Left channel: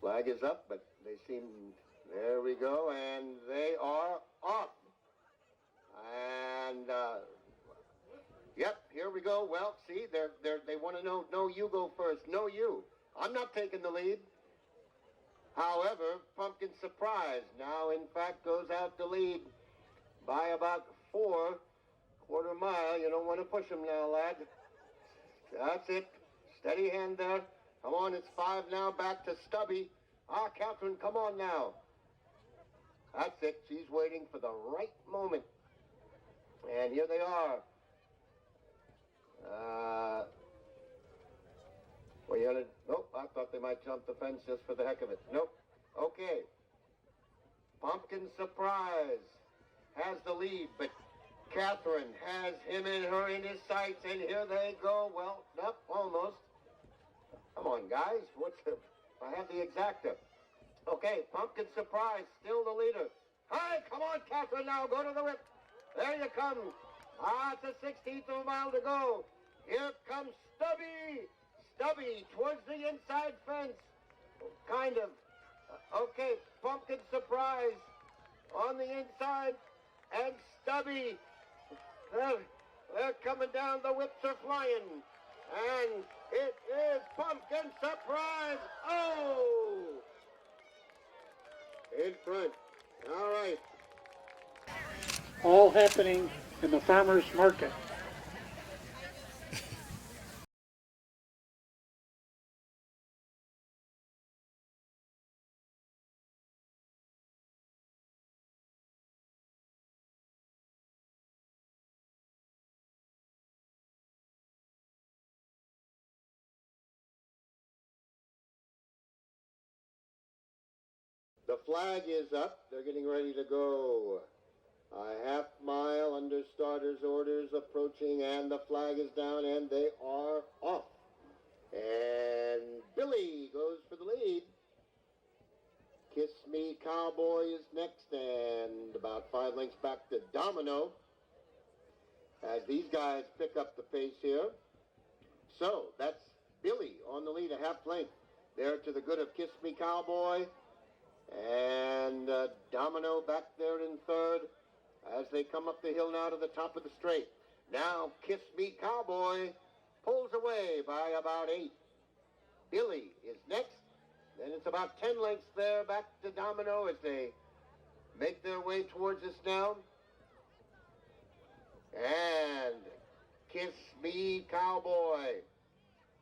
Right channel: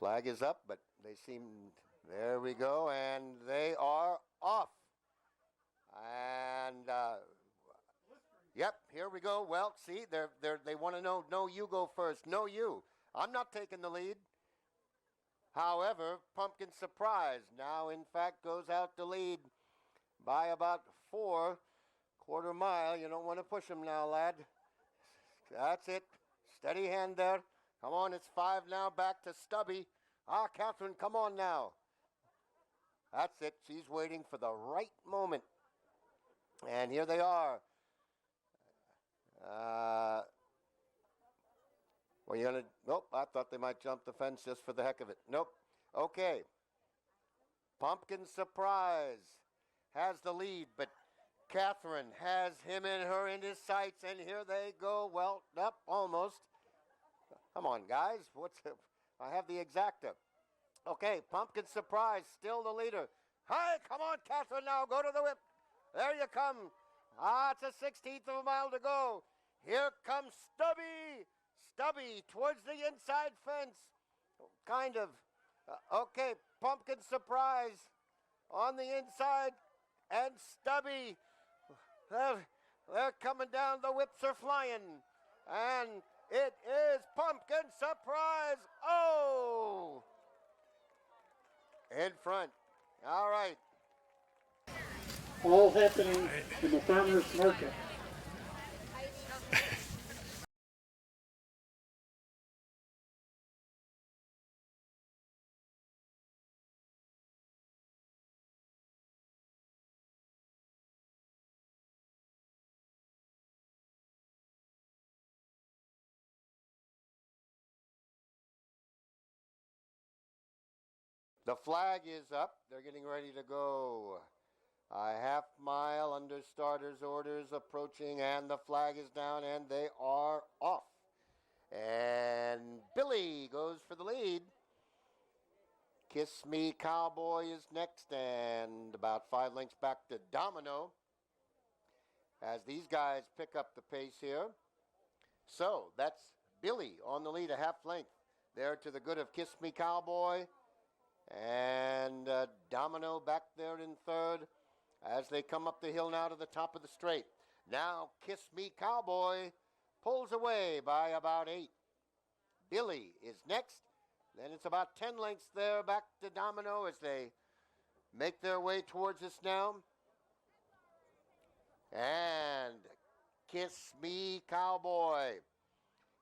Flag is up, but they seem, there we go, and they are off. And, yep, here we go. Well, see, they want to know, no, you go first. No, you. I'm not taking the lead. However, Pumpkin Surprise now, in fact, goes out to lead by about 4/4 mile. You don't want to push him now, lad. That's it. Steady hand there. Come on, it's 5 now, back to Stubby. Ah, Catherine, come on now. That's it. She's waiting for the right moment. And here they are. Well, you're gonna, nope, I thought they might jump the fence just for the heck of it. Nope. Okay. Pumpkin Surprise has the lead, but Catherine has him in his sights, and here they go. Well, nope, almost. Come on, guys. I have the exacta. Okay, Pumpkin Surprise, still the leader. Hi, come on, Catherine, now, go to the whip. There you come. Ah, it's a 16th of a mile to go. Here comes Stubby. Stubby towards the inside fence. Kind of. Okay, Pumpkin Surprise on the inside. And Stubby. They're coming down. The whips are flying. And it is Pumpkin Surprise. Oh! In front. All right. All happening in the farmer's market. The flag is up. They're getting ready to go. A half mile under starter's orders approaching, and the flag is down, and they are off. And Billy goes for the lead. Kiss Me Cowboy is next, and about 5 lengths back to Domino as these guys pick up the pace here. So that's Billy on the lead, a half length there to the good of Kiss Me Cowboy. And Domino back there in third as they come up the hill now to the top of the straight. Now Kiss Me Cowboy pulls away by about 8. Billy is next. Then it's about 10 lengths there back to Domino as they make their way towards us now. And Kiss Me Cowboy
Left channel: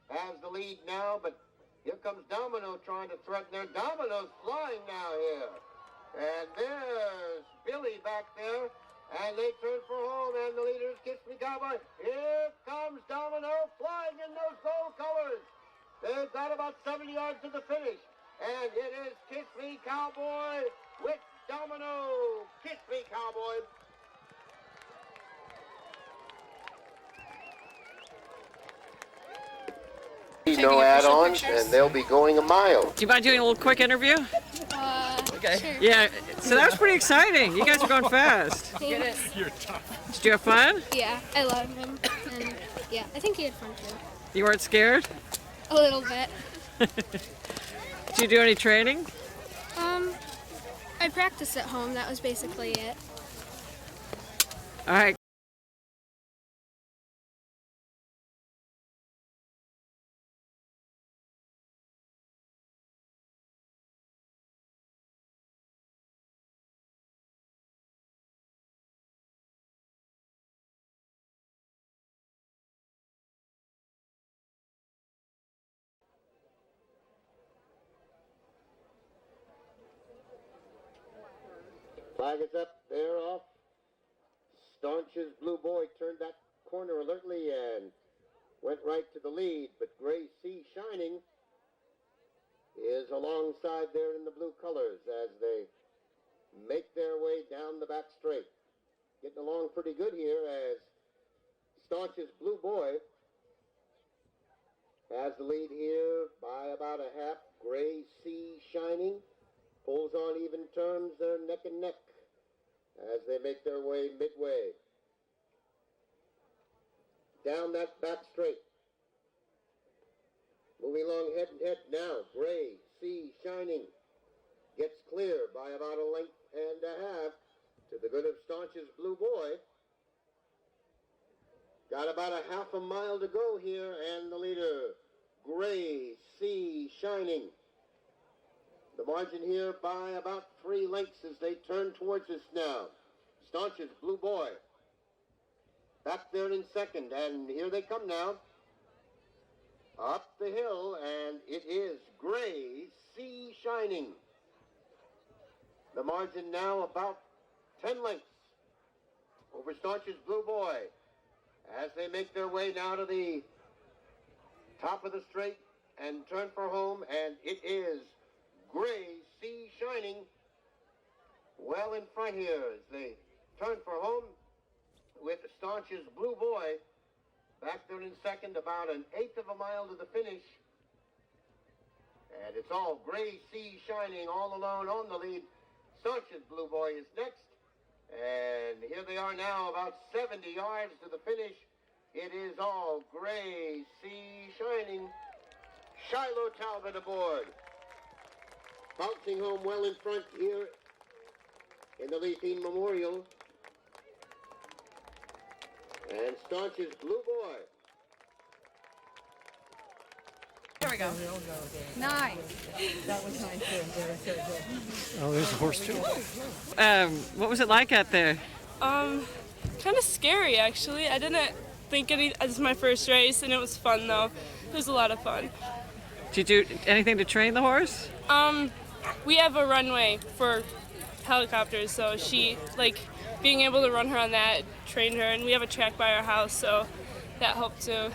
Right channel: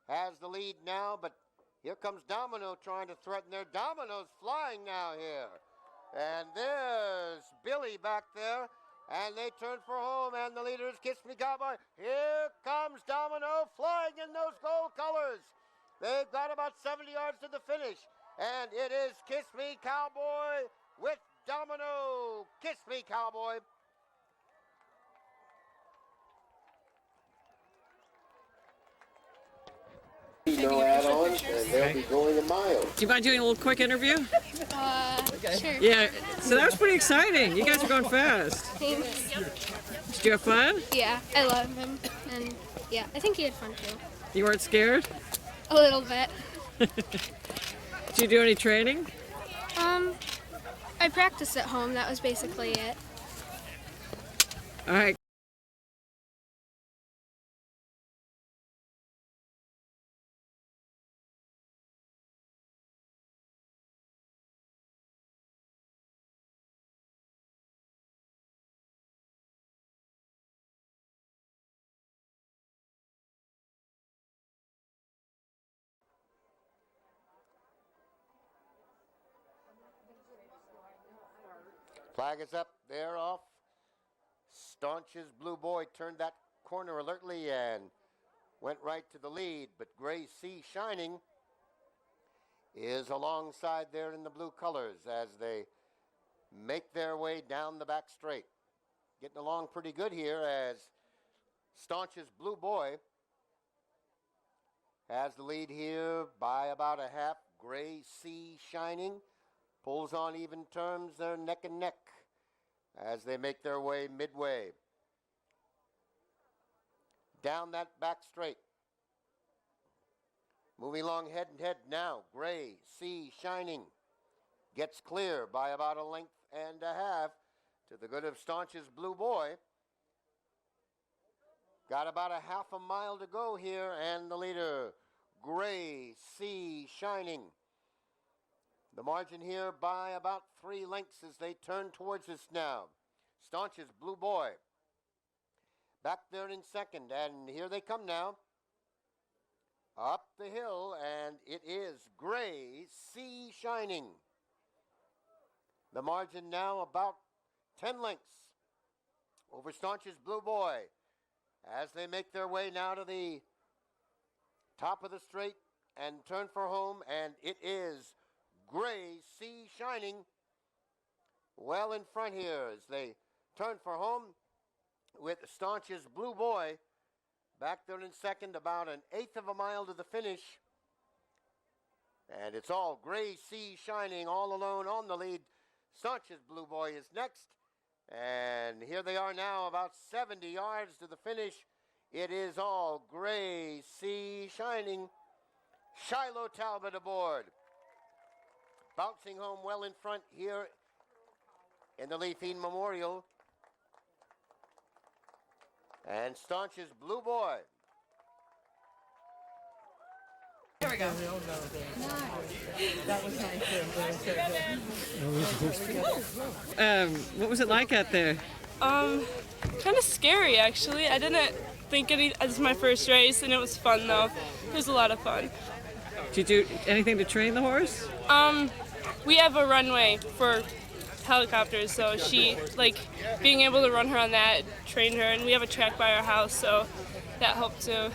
has the lead now, but here comes Domino trying to threaten there. Domino's flying now here. And there's Billy back there. And they turn for home, and the leader is Kiss Me Cowboy. Here comes Domino flying in those gold colors. They've got about 70 yards to the finish. And it is Kiss Me Cowboy with Domino. Kiss Me Cowboy. No add-ons, and they'll be going a mile. Do you mind doing a little quick interview? Okay. Sure. Yeah, so that was pretty exciting. You guys are going fast. Thanks. Did you have fun? Yeah, I love him. And yeah, I think he had fun too. You weren't scared? A little bit. Did you do any training? I practiced at home. That was basically it. All right. Flag is up, they're off. Staunch's Blue Boy turned that corner alertly and went right to the lead, but Gray Sea Shining is alongside there in the blue colors as they make their way down the back straight. Getting along pretty good here as Staunch's Blue Boy has the lead here by about a half. Gray Sea Shining pulls on even terms. They're neck and neck as they make their way midway down that back straight. Moving along head and head now. Gray Sea Shining gets clear by about a length and a half to the good of Staunch's Blue Boy. Got about a half a mile to go here, and the leader, Gray Sea Shining. The margin here by about 3 lengths as they turn towards us now. Staunch's Blue Boy back there in second, and here they come now. Up the hill, and it is Gray Sea Shining. The margin now about 10 lengths over Staunch's Blue Boy as they make their way now to the top of the straight and turn for home, and it is Gray Sea Shining well in front here as they turn for home with Staunch's Blue Boy back there in second, about an eighth of a mile to the finish. And it's all Gray Sea Shining all alone on the lead. Staunch's Blue Boy is next. And here they are now, about 70 yards to the finish. It is all Gray Sea Shining. Shiloh Talbot aboard. Bouncing home well in front here in the Leif Heen Memorial. And Staunch's Blue Boy. There we go. Nice. That was nice. Oh, there's a horse too. What was it like out there? Kind of scary actually. I didn't think it was my first race, and it was fun though. It was a lot of fun. Did you do anything to train the horse? We have a runway for helicopters, so she, being able to run her on that trained her, and we have a track by our house, so that helped too.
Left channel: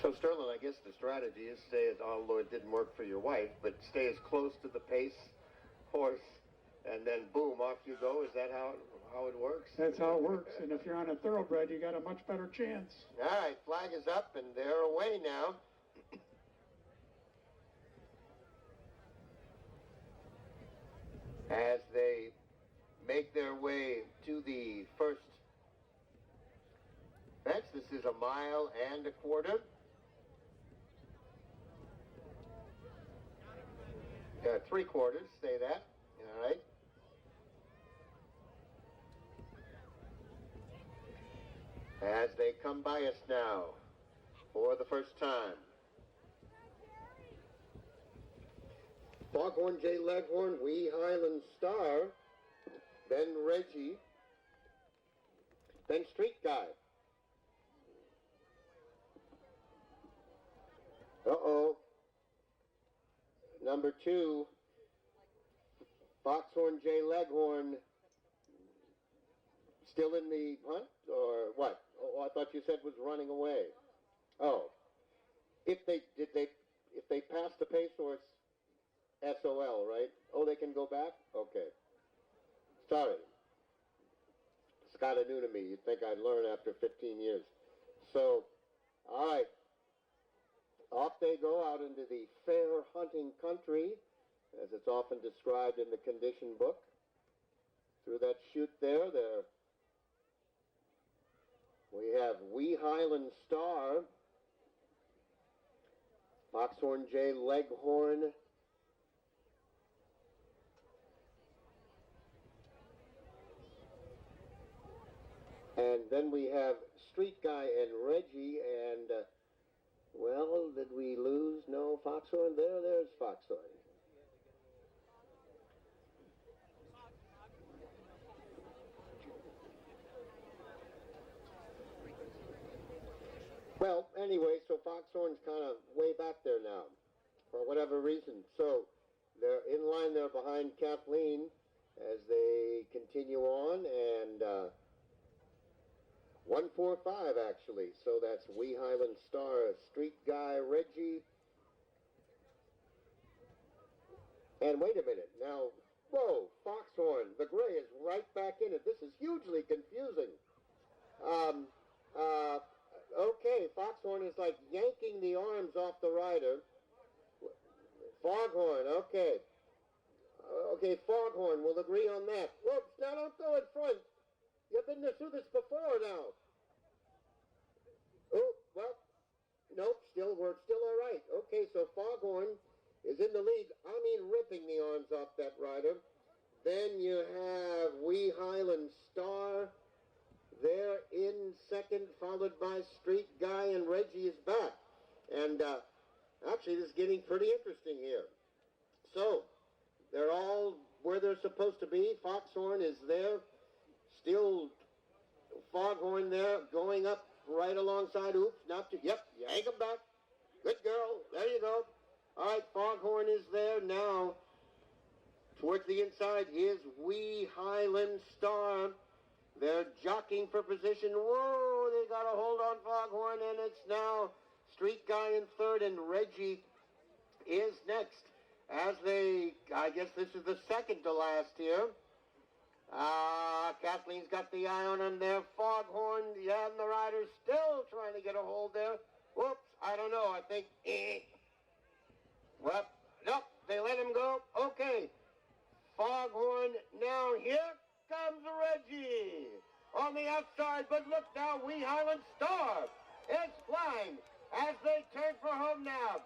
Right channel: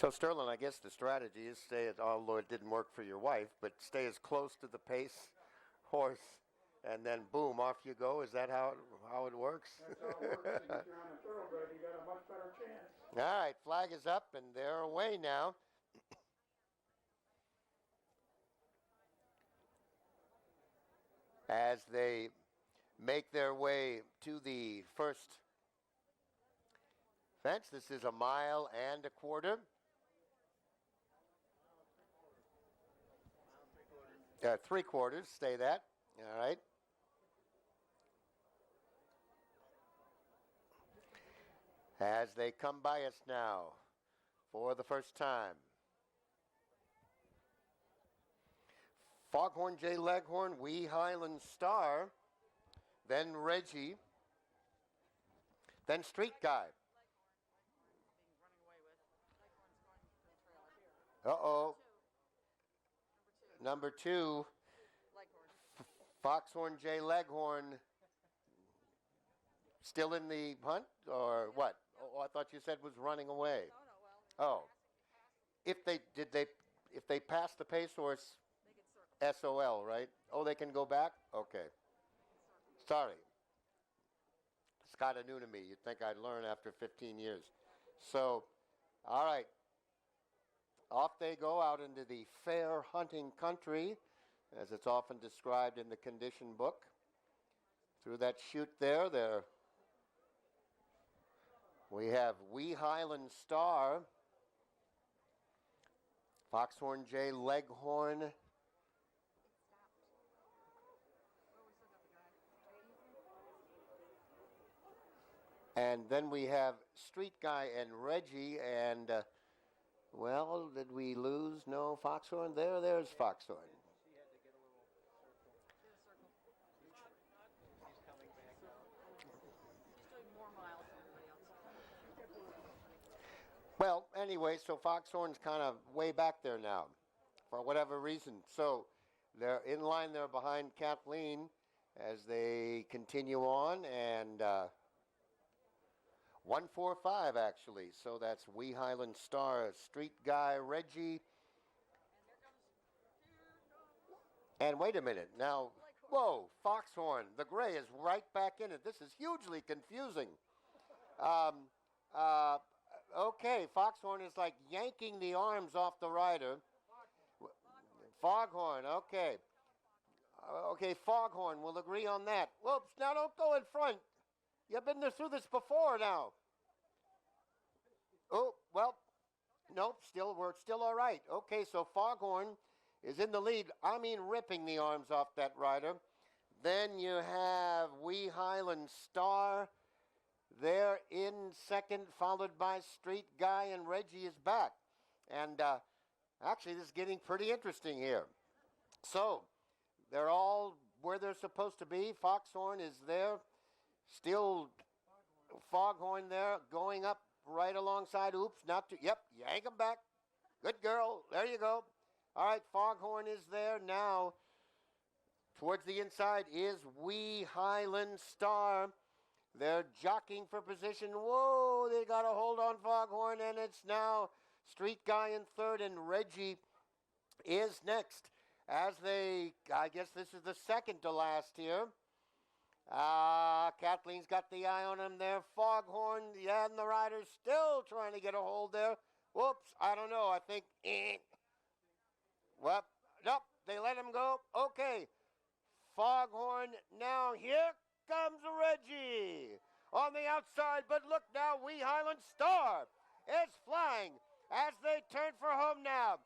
So Sterling, I guess the strategy is stay at, although it didn't work for your wife, but stay as close to the pace horse, and then boom, off you go. Is that how it works? That's how it works. And if you're on a thoroughbred, you got a much better chance. All right, flag is up, and they're away now. As they make their way to the first fence, this is 1.25 miles. 3/4, say that. All right. As they come by us now for the first time. Foghorn J. Leghorn, Wee Highland Star, then Reggie, then Street Guy. Uh-oh. Number 2, Foxhorn J. Leghorn, still in the hunt, or what? Oh, I thought you said was running away. Oh, if they pass the pace horse, SOL, right? Oh, they can go back? Okay. Sorry. It's kind of new to me. You'd think I'd learn after 15 years. So, all right. Off they go out into the fair hunting country, as it's often described in the condition book. Through that chute there, we have Wee Highland Star, Foxhorn J. Leghorn, and then we have Street Guy and Reggie, and well, did we lose? No, Foxhorn. There's Foxhorn. Well, anyway, so Foxhorn's kind of way back there now, for whatever reason. So they're in line there behind Kathleen as they continue on, and 1:15 145 actually. So that's Wee Highland Star, Street Guy Reggie. And wait a minute, now, whoa, Foxhorn, the gray is right back in it. This is hugely confusing. Okay, Foxhorn is like yanking the arms off the rider. Foghorn, okay. Okay, Foghorn, we'll agree on that. Whoops, now don't go in front. You've been through this before now. Oh, well, nope, we're still all right. Okay, so Foghorn is in the lead. I mean, ripping the arms off that rider. Then you have Wee Highland Star. They're in second, followed by Street Guy, and Reggie is back. And actually, this is getting pretty interesting here. So, they're all where they're supposed to be. Foxhorn is there. Still Foghorn there, going up right alongside. Oops, not too. Yep, yank him back. Good girl. There you go. All right, Foghorn is there now. Towards the inside is Wee Highland Star. They're jockeying for position. Whoa, they got a hold on Foghorn, and it's now Street Guy in third, and Reggie is next. As I guess this is the second to last here. Kathleen's got the eye on him there. Foghorn, yeah, and the rider's still trying to get a hold there. Whoops, I don't know, I think, well, nope, they let him go. Okay, Foghorn, now here comes Reggie on the outside, but look now, Wee Highland Star is flying as they turn for home now.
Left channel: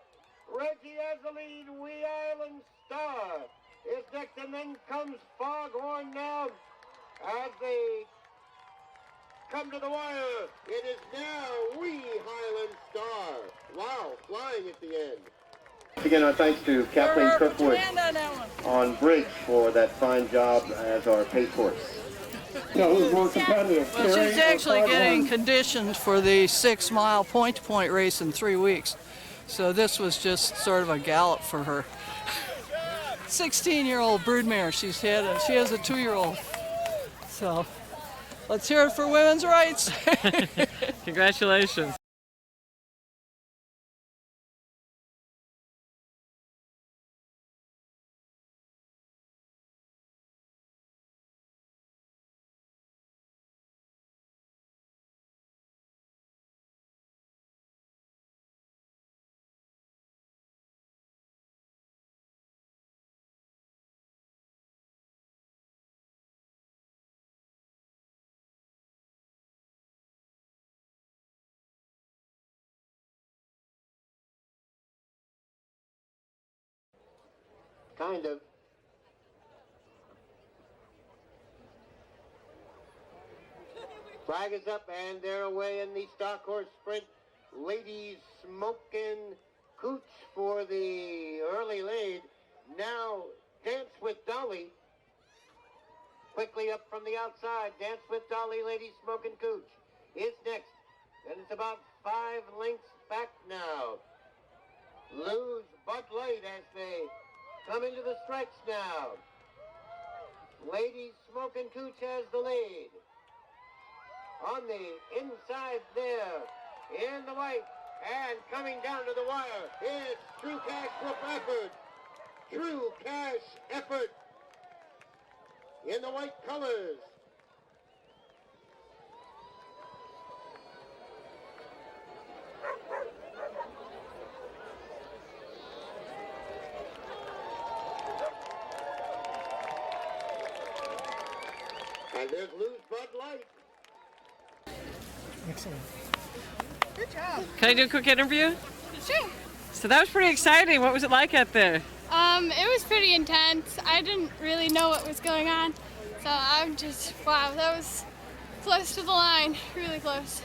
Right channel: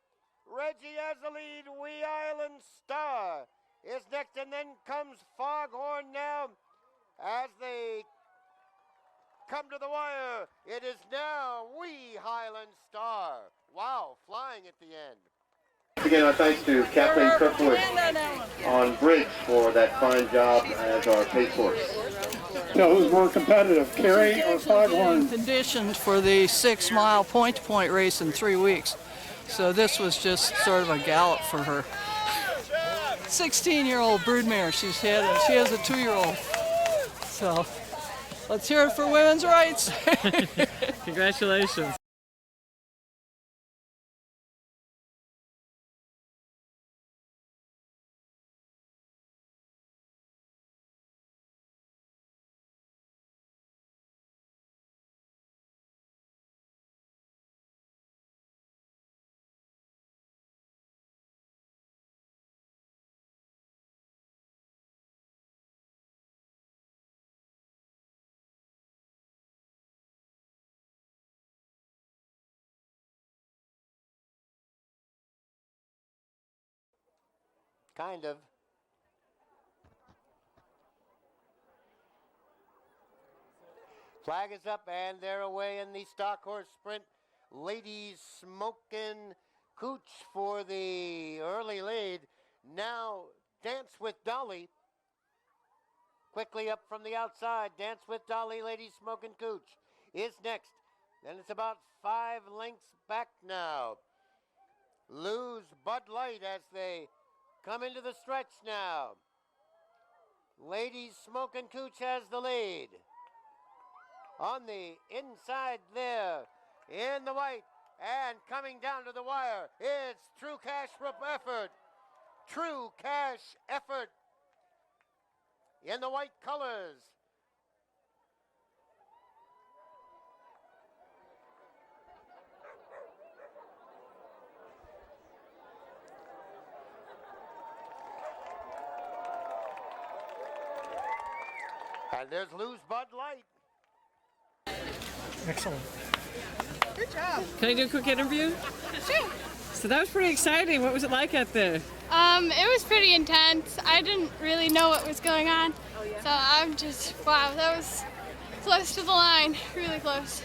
Reggie has the lead. Wee Highland Star is next, and then comes Foghorn now as they come to the wire. It is now Wee Highland Star. Wow, flying at the end. Again, our thanks to Kathleen Kirkwood on bridge for that fine job as our pace horse. So who's more competitive, Carrie She's or actually Foghorn? getting conditioned for the 6-mile point-to-point race in 3 weeks. So this was just sort of a gallop for her. 16-year-old broodmare she's had, and she has a 2-year-old. So let's hear it for women's rights. Congratulations. Kind of. Flag is up, and they're away in the Stockhorse Sprint. Ladies smoking cooch for the early lead. Now, Dance with Dolly. Quickly up from the outside. Dance with Dolly, Ladies smoking cooch is next. And it's about 5 lengths back now. Lose Bud Light as they come into the stretch now. Ladies Smoking Cooch has the lead. On the inside there, in the white, and coming down to the wire, it's True Cash Group Effort. True Cash Effort in the white colors. And there's Lose Bud Light. Excellent. Good job. Can I do a quick interview? Sure. So that was pretty exciting. What was it like out there? It was pretty intense. I didn't really know what was going on. So I'm just, wow, that was close to the line, really close.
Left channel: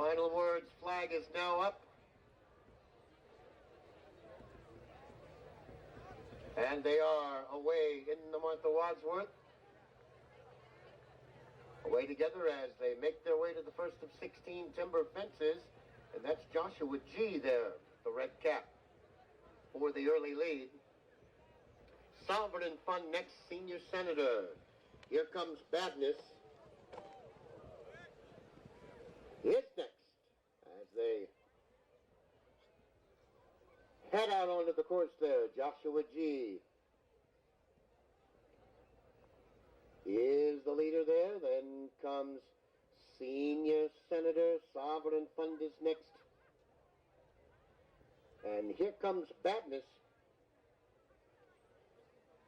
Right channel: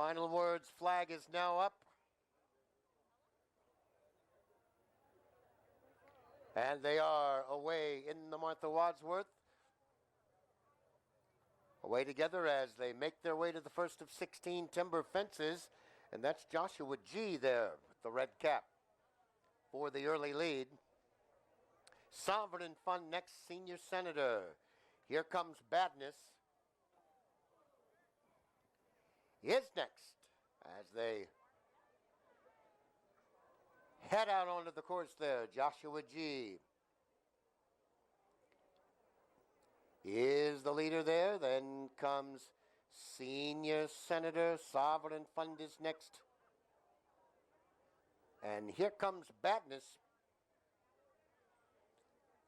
Final words, flag is now up. And they are away in the month of Wadsworth. Away together as they make their way to the first of 16 timber fences. And that's Joshua G. there, the red cap, for the early lead. Sovereign Fund next, Senior Senator. Here comes Badness. Is next as they head out onto the course there. Joshua G. is the leader there. Then comes Senior Senator. Sovereign Fund is next. And here comes Badness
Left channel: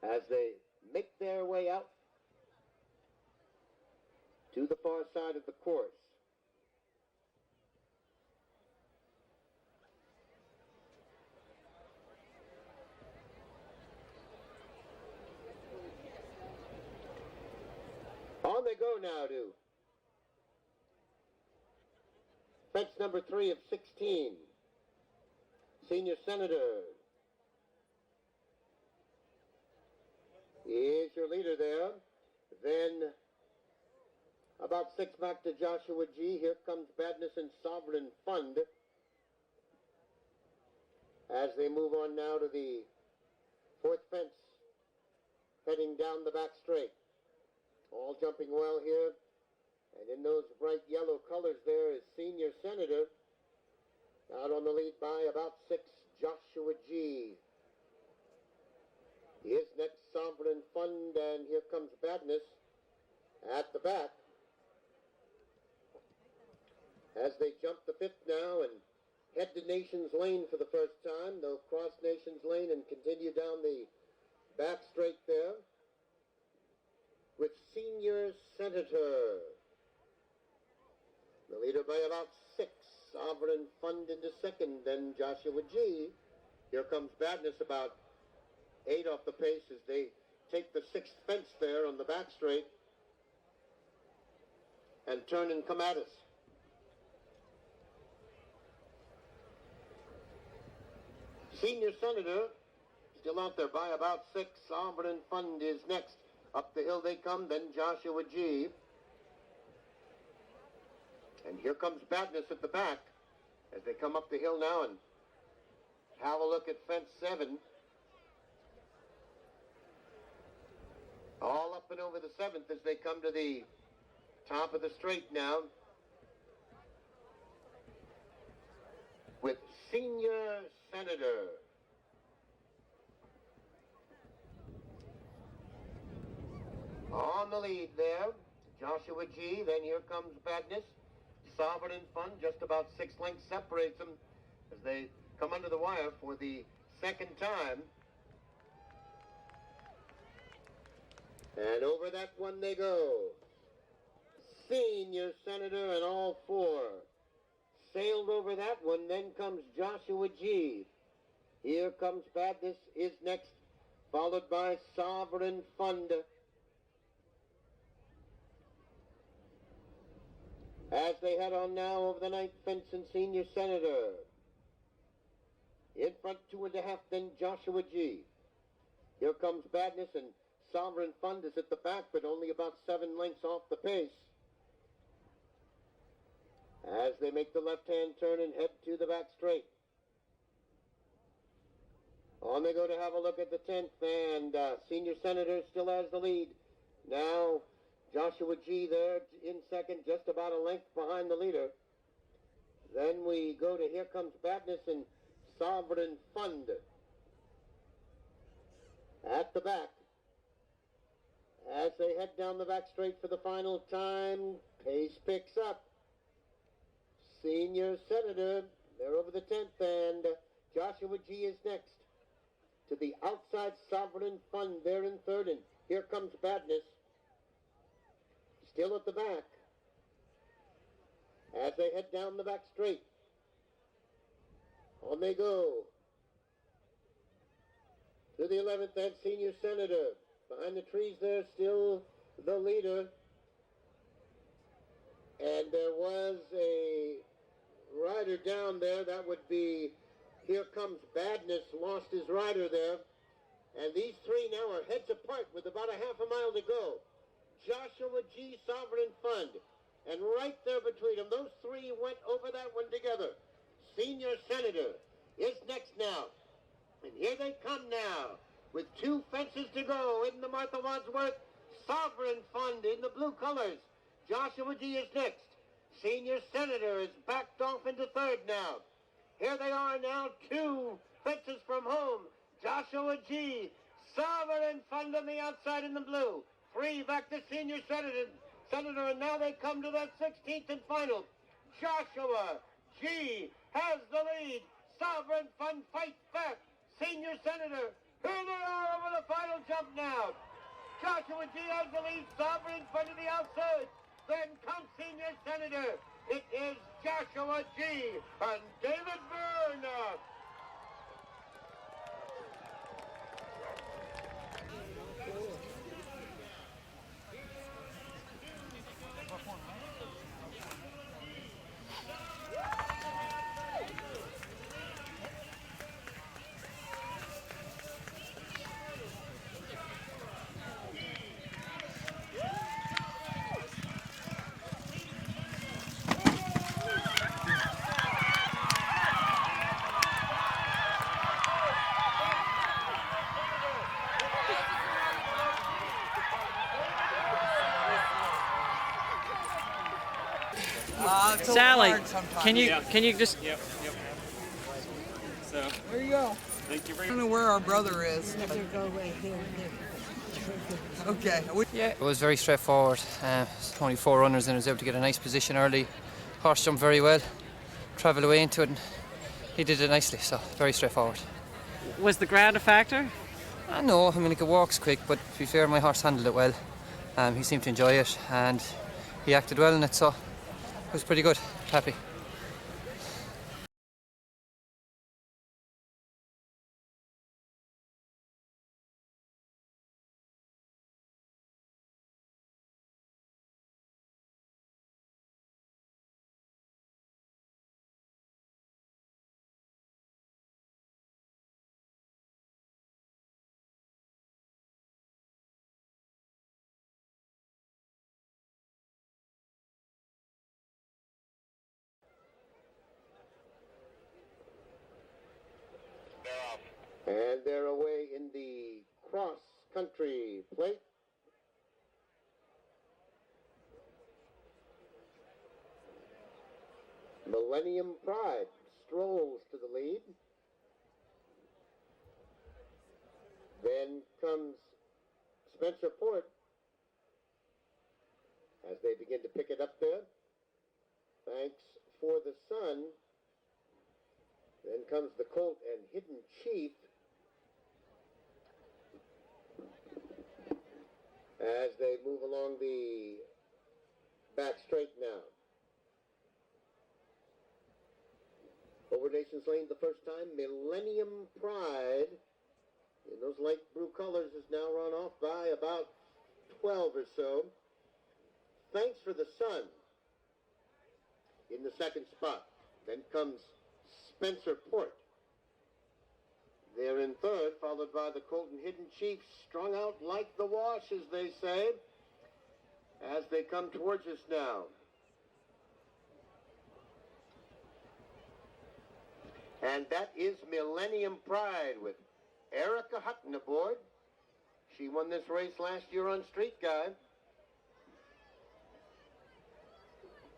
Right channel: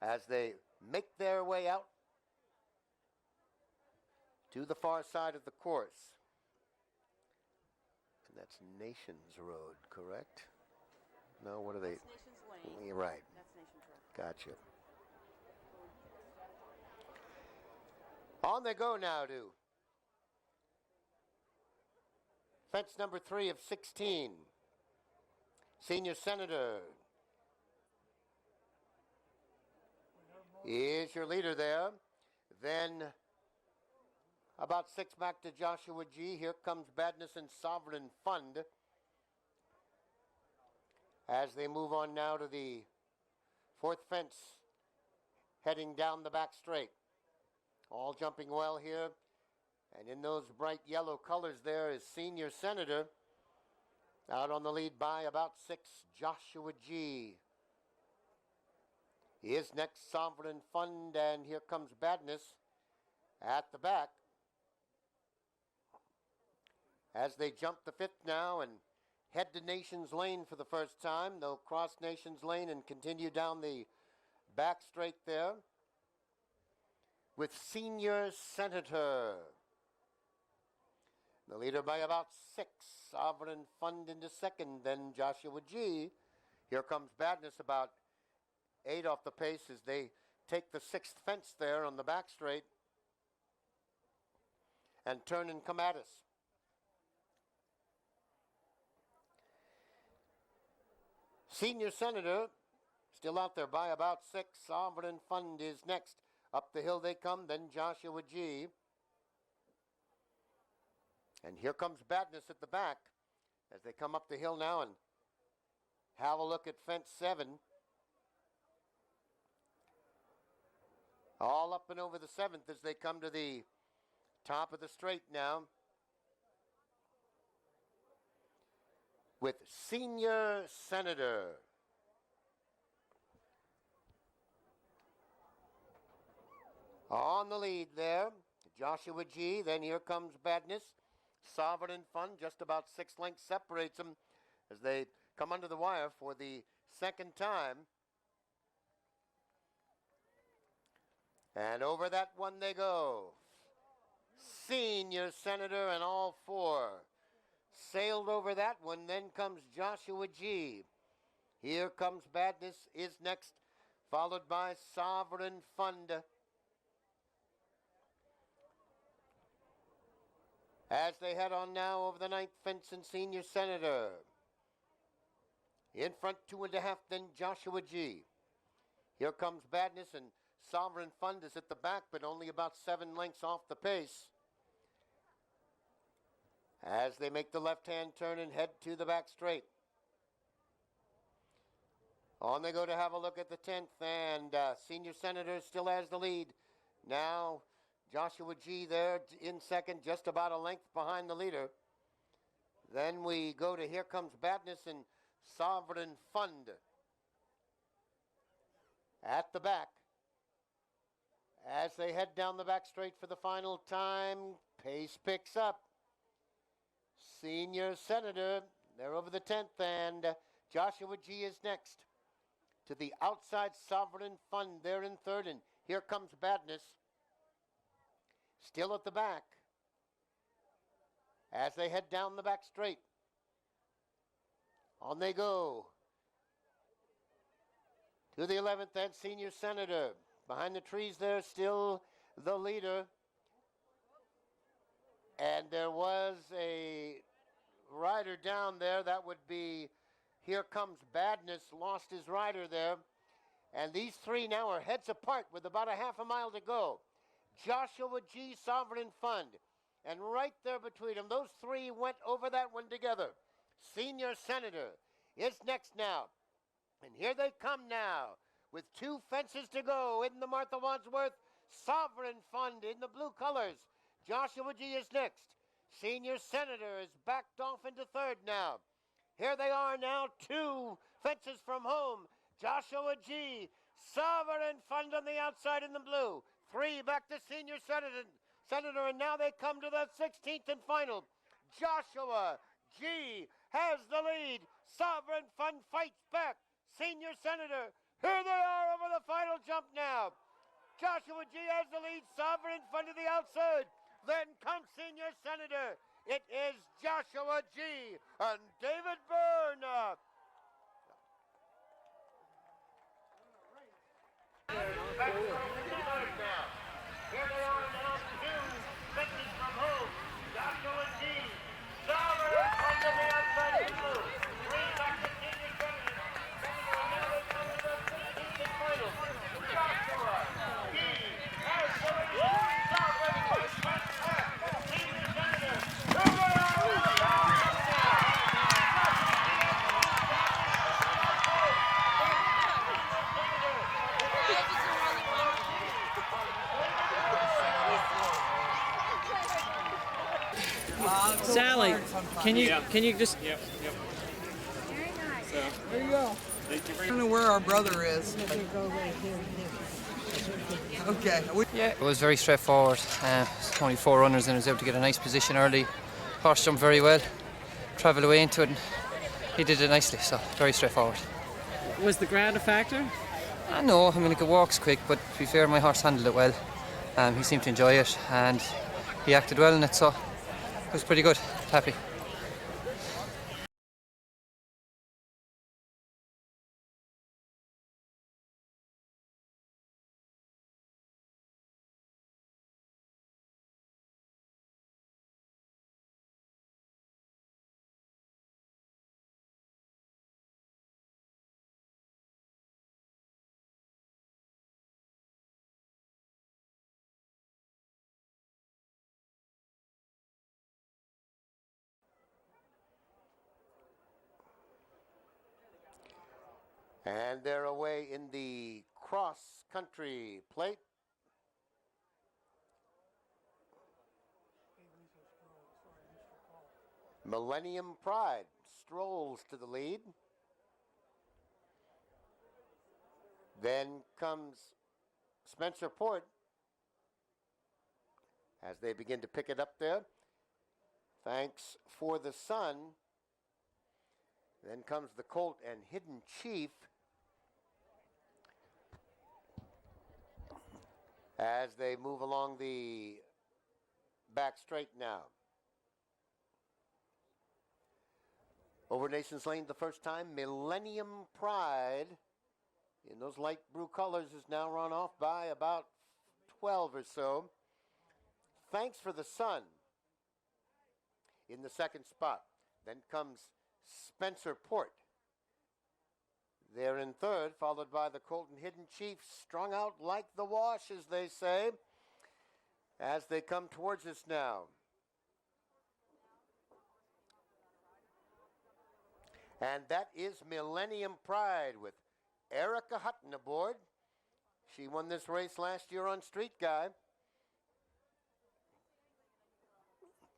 as they make their way out to the far side of the course. And that's Nations Road, correct? No, what are they? You're right. Gotcha. On they go now to fence number 3 of 16. Senior Senator is your leader there. Then about 6 back to Joshua G. Here comes Badness and Sovereign Fund as they move on now to the 4th fence, heading down the back straight. All jumping well here. And in those bright yellow colors there is Senior Senator. Out on the lead by about 6, Joshua G. Is next Sovereign Fund, and here comes Badness at the back as they jump the 5th now and head to Nations Lane for the first time. They'll cross Nations Lane and continue down the back straight there with Senior Senator. The leader by about 6. Sovereign Fund into 2nd, then Joshua G. Here comes Badness about 8 off the pace as they take the 6th fence there on the back straight and turn and come at us. Senior Senator still out there by about 6. Sovereign Fund is next. Up the hill they come, then Joshua G. And here comes Badness at the back as they come up the hill now and have a look at fence 7. All up and over the 7th as they come to the top of the straight now with Senior Senator. On the lead there, Joshua G. Then here comes Badness. Sovereign Fund, just about 6 lengths separates them as they come under the wire for the 2nd time. And over that one they go. Senior Senator and all 4 sailed over that one. Then comes Joshua G. Here comes Badness is next, followed by Sovereign Fund. As they head on now over the 9th fence and Senior Senator. In front 2.5, then Joshua G. Here comes Badness and Sovereign Fund is at the back, but only about 7 lengths off the pace. As they make the left-hand turn and head to the back straight. On they go to have a look at the 10th, and Senior Senator still has the lead. Now Joshua G. there in 2nd, just about a length behind the leader. Then we go to here comes Badness and Sovereign Fund at the back. As they head down the back straight for the final time, pace picks up. Senior Senator, they're over the 10th, and Joshua G. is next. To the outside, Sovereign Fund, they're in 3rd, and here comes Badness. Still at the back as they head down the back straight. On they go to the 11th, and Senior Senator. Behind the trees there, still the leader. And there was a rider down there. That would be Here Comes Badness, lost his rider there. And these three now are heads apart with about a half a mile to go. Joshua G. Sovereign Fund. And right there between them, those three went over that one together. Senior Senator is next now. And here they come now with two fences to go in the Martha Wadsworth. Sovereign Fund in the blue colors. Joshua G. is next. Senior Senator is backed off into third now. Here they are now, two fences from home. Joshua G. Sovereign Fund on the outside in the blue. Three back to Senior Senator, and now they come to that 16th and final. Joshua G. has the lead. Sovereign Fund fights back. Senior Senator, here they are over the final jump now. Joshua G. has the lead. Sovereign Fund to the outside. Then comes Senior Senator. It is Joshua G. and David Byrne. Here they are now, two fences from home. Joshua G. Sovereign Fund to the outside in blue. Three back to Senior Senator. Now they come to the 16th and final. Joshua G. has the lead. Sovereign Fund fights back. Senior Senator. Here they are over the final now. Sally, can you just Yep. So, There you go. thank you very I don't know where our brother is. Okay. Yeah, it was very straightforward. Only 4 runners and I was able to get a nice position early. Horse jumped very well, travelled away into it and he did it nicely, so very straightforward. was the ground a factor? No, I mean like it walks quick, but to be fair my horse handled it well. He seemed to enjoy it and he acted well in it, so it was pretty good, happy. And they're away in the cross-country plate. Millennium Pride strolls to the lead. Then comes Spencer Port as they begin to pick it up there. Thanks for the Sun. Then comes the Colt and Hidden Chief as they move along the back straight now. Over Nations Lane the first time, Millennium Pride in those light blue colors is now run off by about 12 or so. Thanks for the Sun in the second spot. Then comes Spencer Port. They're in third, followed by the Colt and Hidden Chief, strung out like the wash, as they say, as they come towards us now. And that is Millennium Pride with Erica Hutton aboard. She won this race last year on Street Guide.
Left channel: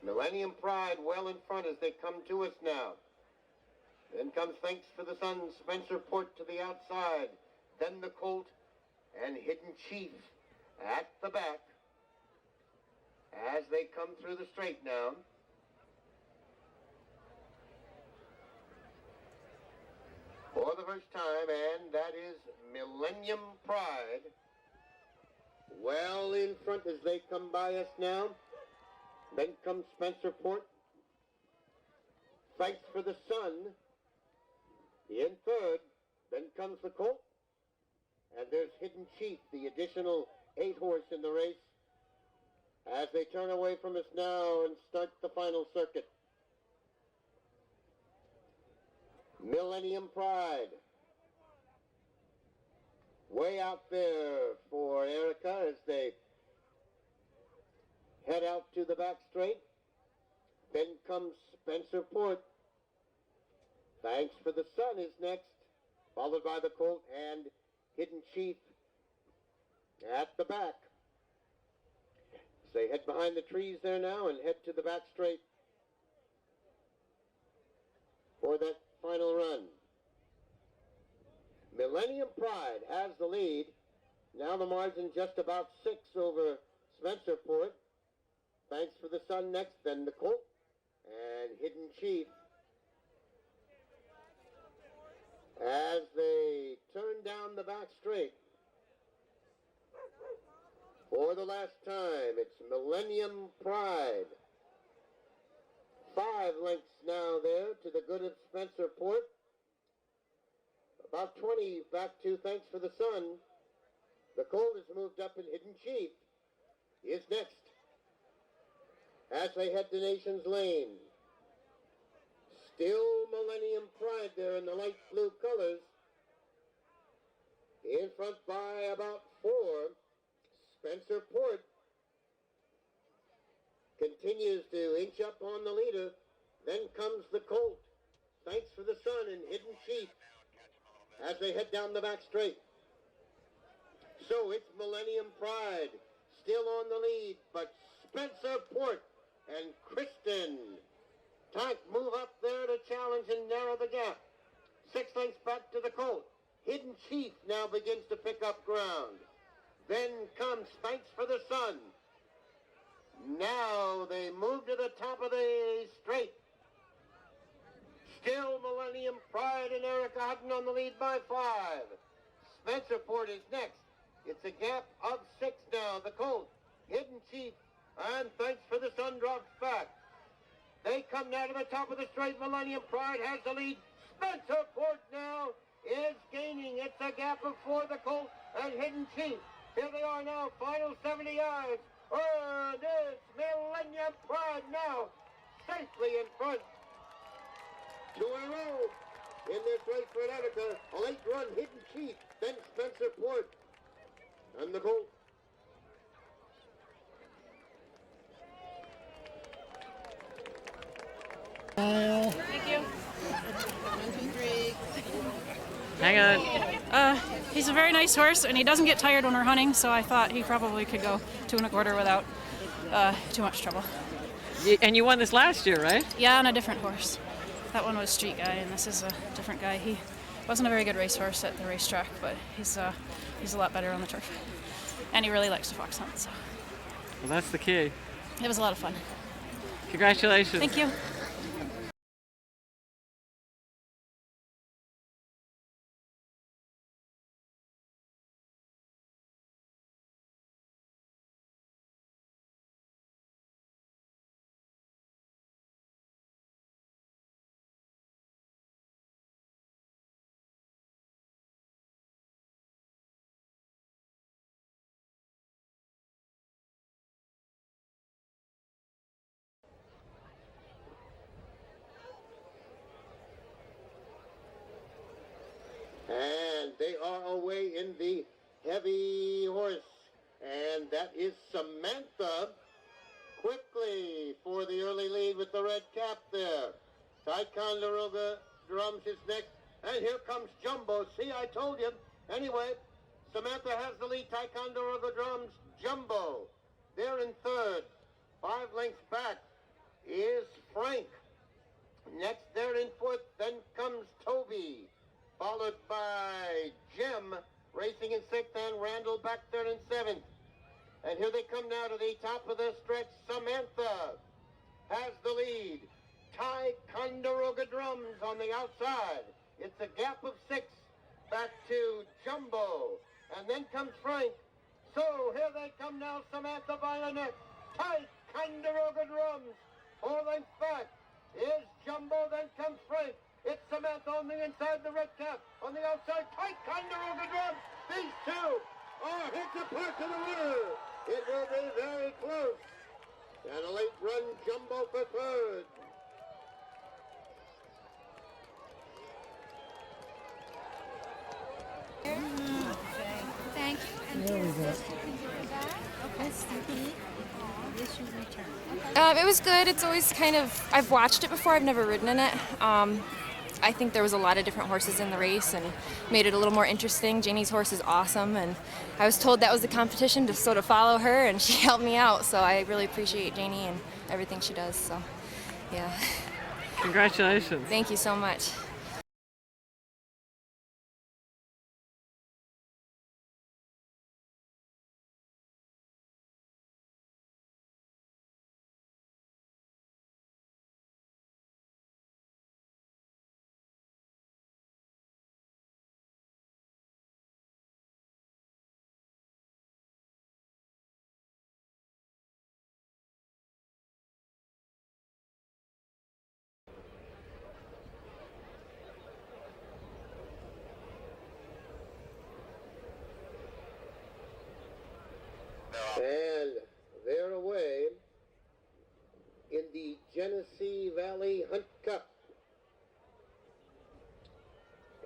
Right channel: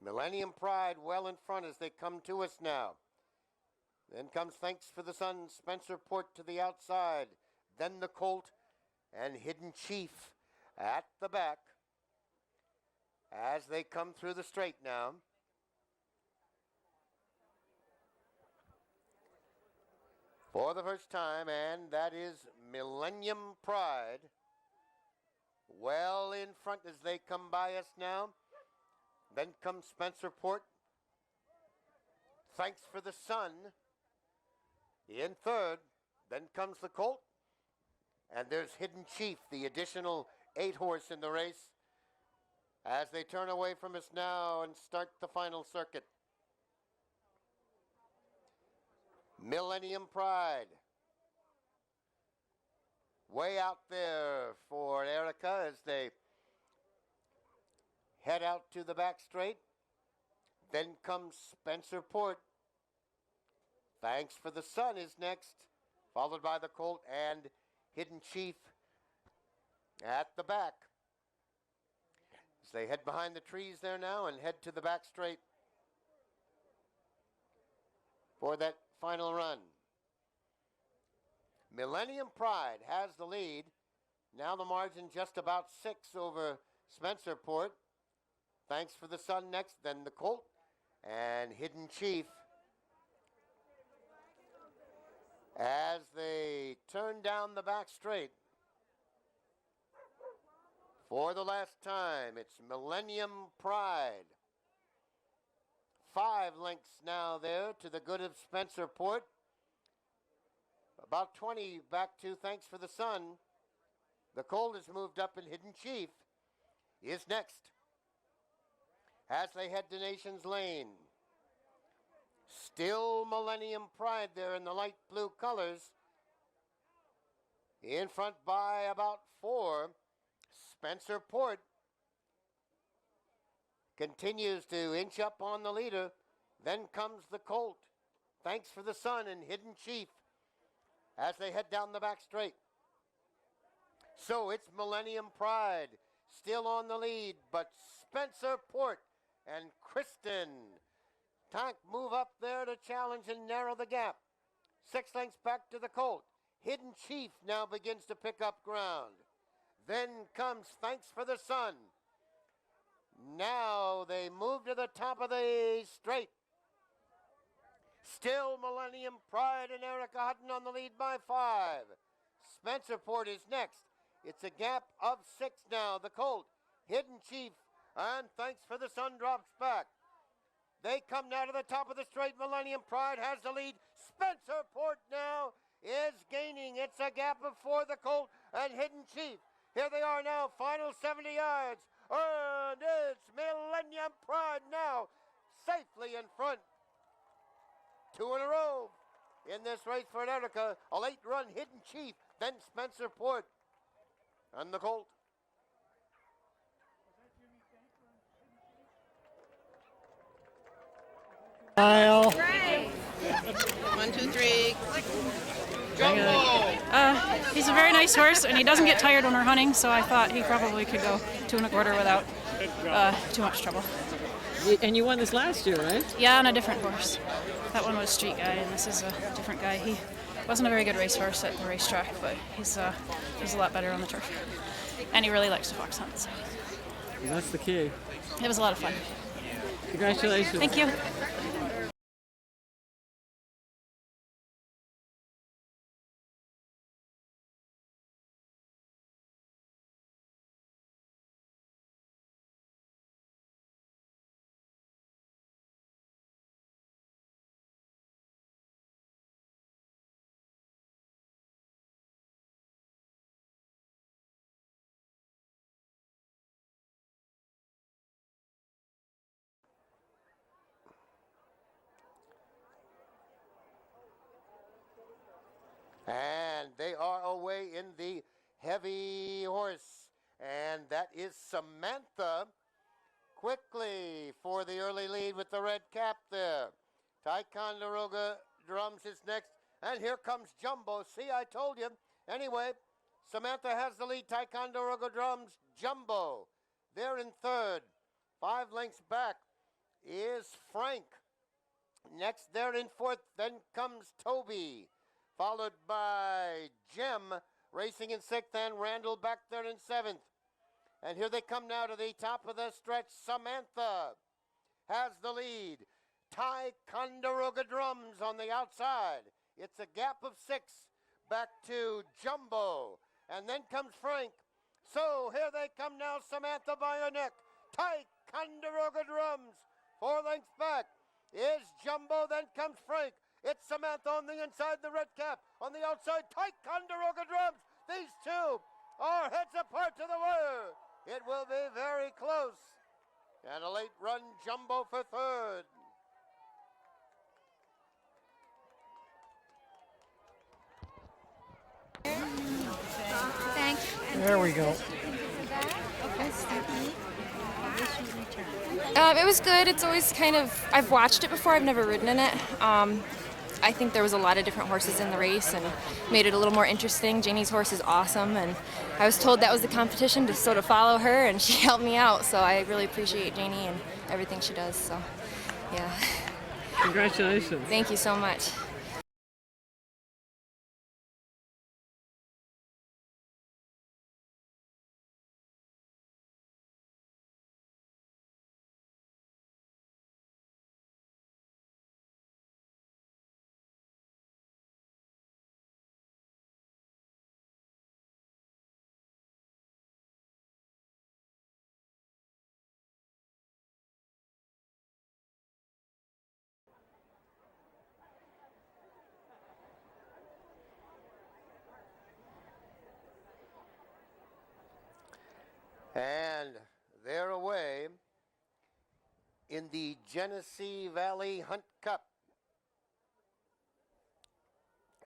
Millennium Pride well in front as they come to us now. Then comes Thanks for the Sun, Spencer Port to the outside. Then the Colt and Hidden Chief at the back as they come through the straight now. For the first time, and that is Millennium Pride. Well in front as they come by us now. Then comes Spencer Port. Thanks for the Sun in third. Then comes the Colt. And there's Hidden Chief, the additional 8-horse in the race, as they turn away from us now and start the final circuit. Millennium Pride. Way out there for Erica as they head out to the back straight. Then comes Spencer Port. Thanks for the Sun is next, followed by the Colt and Hidden Chief at the back. As they head behind the trees there now and head to the back straight for that final run. Millennium Pride has the lead. Now the margin just about 6 over Spencer Port. Thanks for the Sun next, then the Colt and Hidden Chief. As they turn down the back straight for the last time, it's Millennium Pride. 5 lengths now there to the good of Spencer Port. About 20 back to Thanks for the Sun. The Colt has moved up and Hidden Chief is next. As they head to Nations Lane. Still Millennium Pride there in the light blue colors. In front by about 4. Spencer Port continues to inch up on the leader. Then comes the Colt. Thanks for the Sun and Hidden Chief as they head down the back straight. So it's Millennium Pride still on the lead, but Spencer Port and Kristen Tank move up there to challenge and narrow the gap. 6 lengths back to the Colt. Hidden Chief now begins to pick up ground. Then comes Thanks for the Sun. Now they move to the top of the straight. Still Millennium Pride and Erica Hutton on the lead by 5. Spencer Port is next. It's a gap of 6 now. The Colt, Hidden Chief, and Thanks for the Sun drops back. They come now to the top of the straight. Millennium Pride has the lead. Spencer Port now is gaining. It's a gap of 4. The Colt and Hidden Chief. Here they are now, final 70 yards. And it's Millennium Pride now safely in front. 2 in a row in this race for Erica. A late run, Hidden Chief, then Spencer Port and the Colt. Kyle. Thank you. 1, 2, 3. Hang on. He's a very nice horse, and he doesn't get tired when we're hunting, so I thought he probably could go 2 1/4 without too much trouble. And you won this last year, right? Yeah, on a different horse. That one was Street Guy, and this is a different guy. He wasn't a very good racehorse at the racetrack, but he's a lot better on the turf. And he really likes to fox hunt, so. Well, that's the key. It was a lot of fun. Congratulations. Thank you. And they are away in the heavy horse. And that is Samantha quickly for the early lead with the red cap there. Ticonderoga Drums is next. And here comes Jumbo. See, I told you. Anyway, Samantha has the lead. Ticonderoga Drums, Jumbo. They're in third. 5 lengths back is Frank. Next, they're in fourth. Then comes Toby, followed by Jim, racing in sixth, and Randall back there in seventh. And here they come now to the top of the stretch. Samantha has the lead. Ticonderoga Drums on the outside. It's a gap of 6 back to Jumbo. And then comes Frank. So here they come now, Samantha by a neck. Ticonderoga Drums, 4 lengths back is Jumbo, then comes Frank. It's Samantha on the inside, the red cap. On the outside, Ticonderoga Drums. These two are heads apart to the wire. It will be very close. And a late run, Jumbo for third. There we go. It was good. It's always kind of, I've watched it before, I've never ridden in it. I think there was a lot of different horses in the race and made it a little more interesting. Janie's horse is awesome, and I was told that was the competition to sort of follow her, and she helped me out, so I really appreciate Janie and everything she does, so yeah. Congratulations. Thank you so much. And they're away in the Genesee Valley Hunt Cup.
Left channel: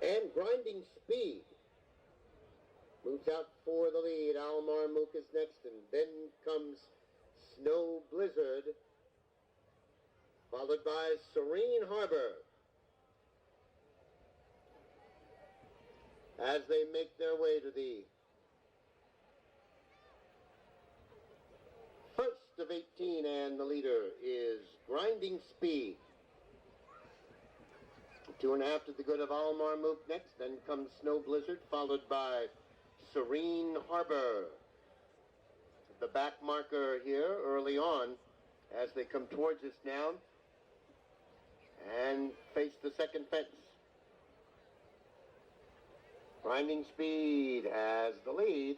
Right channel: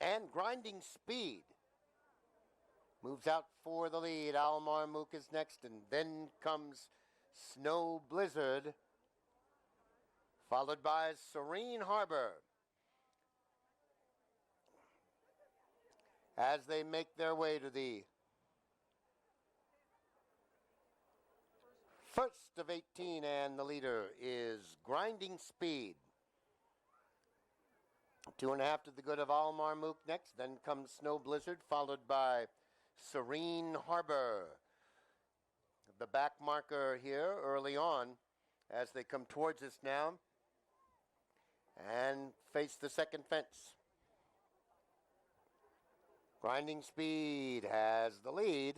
And Grinding Speed moves out for the lead. Almar Mook is next, and then comes Snow Blizzard, followed by Serene Harbor. As they make their way to the first of 18, and the leader is Grinding Speed. 2.5 to the good of Almar Mook next, then comes Snow Blizzard, followed by Serene Harbor. The back marker here early on as they come towards us now and face the second fence. Grinding Speed has the lead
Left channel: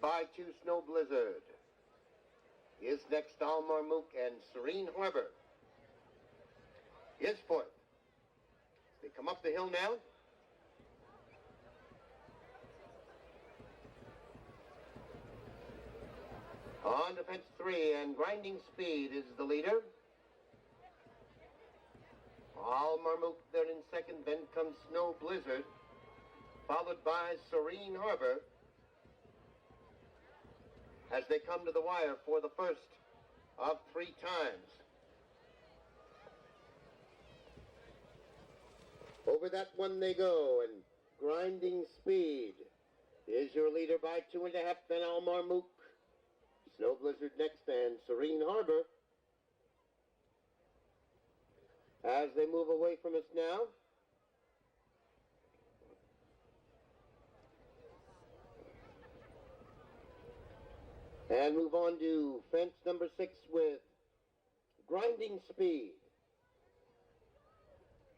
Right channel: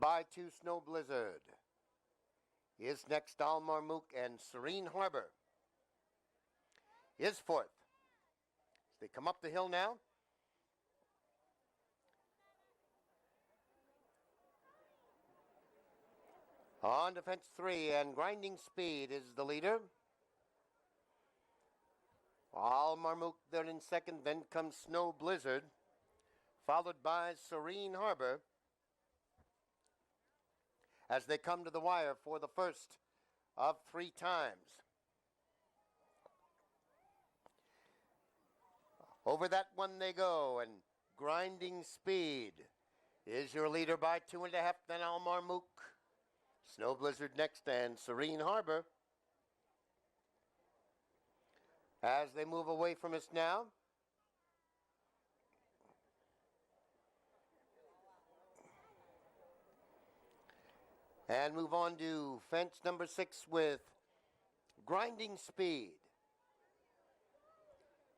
by 2. Snow Blizzard is next. Almar Mook, and Serene Harbor is fourth. They come up the hill now. On to fence 3, and Grinding Speed is the leader. Almar Mook there in second, then comes Snow Blizzard, followed by Serene Harbor as they come to the wire for the first of 3 times. Over that one they go, and Grinding Speed is your leader by 2.5, then Almar Mook. Snow Blizzard next, and Serene Harbor. As they move away from us now, and move on to fence number 6 with Grinding Speed.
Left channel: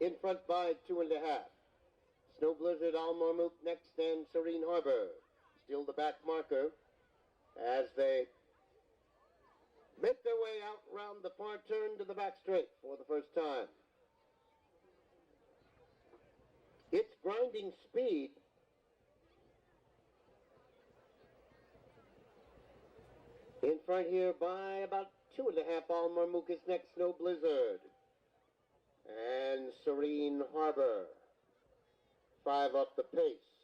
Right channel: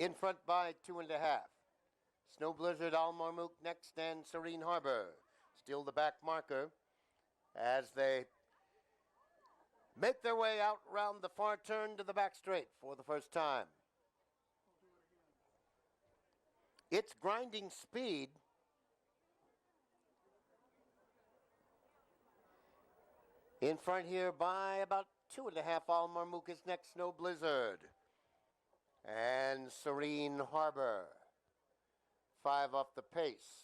In front by 2.5. Snow Blizzard, Almar Mook next, and Serene Harbor. Still the back marker as they make their way out round the far turn to the back straight for the first time. It's Grinding Speed in front here by about 2.5. Almar Mook is next. Snow Blizzard and Serene Harbor 5 off the pace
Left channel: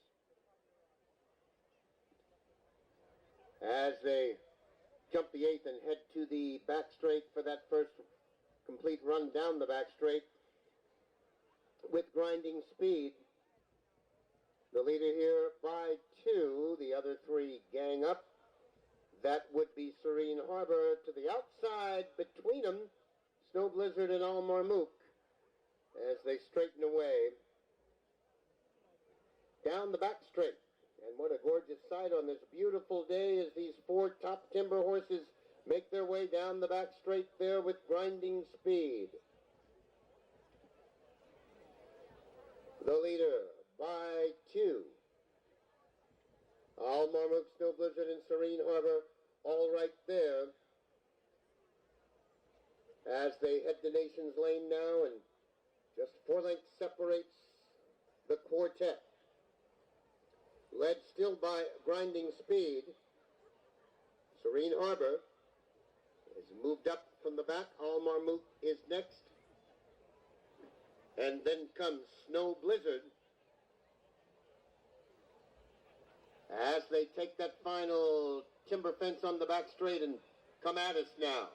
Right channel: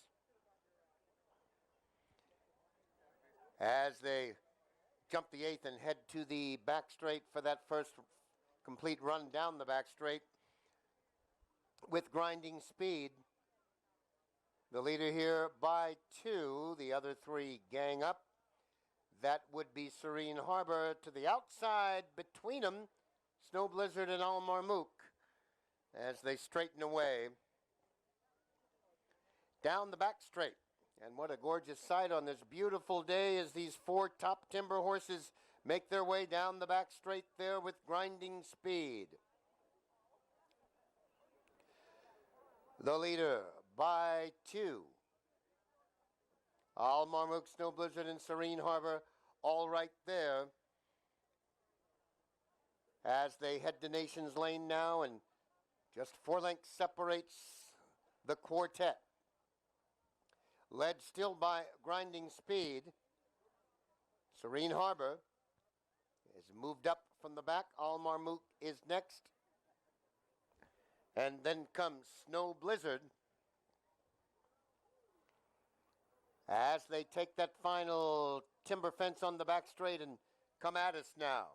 as they jump the 8th and head to the back straight for that first complete run down the back straight with Grinding Speed. The leader here by 2. The other 3 gang up. That would be Serene Harbor to the outside between them, Snow Blizzard and Almar Mook, as they straighten away down the back straight. And what a gorgeous sight on this beautiful day as these 4 top timber horses make their way down the back straight there with Grinding Speed. The leader by 2. Almar Mook, Snow Blizzard, and Serene Harbor all right there as they head to Nations Lane now, and just 4 lengths separates the quartet. Led still by Grinding Speed. Serene Harbor is moved up from the back. Almar Mook is next. And then comes Snow Blizzard as they take that final timber fence on the back straight and come at us now.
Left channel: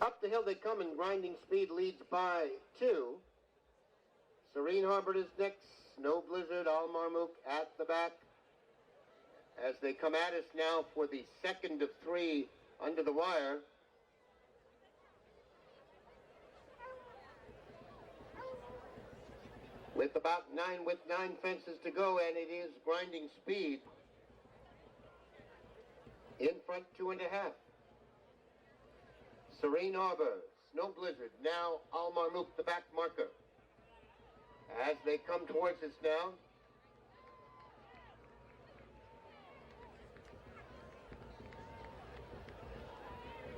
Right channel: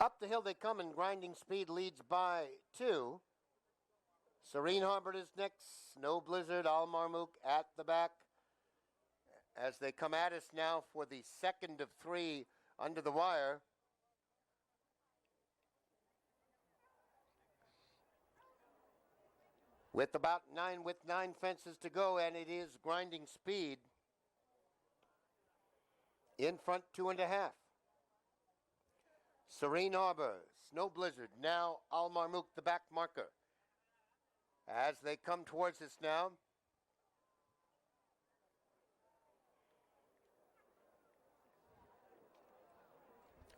Up the hill they come, and Grinding Speed leads by 2. Serene Harbor is next. Snow Blizzard, Al Marmook at the back as they come at us now for the second of 3 under the wire. With 9 fences to go, and it is Grinding Speed in front 2.5. Serene Harbor, Snow Blizzard, now Al Marmook, the back marker. As they come towards us now,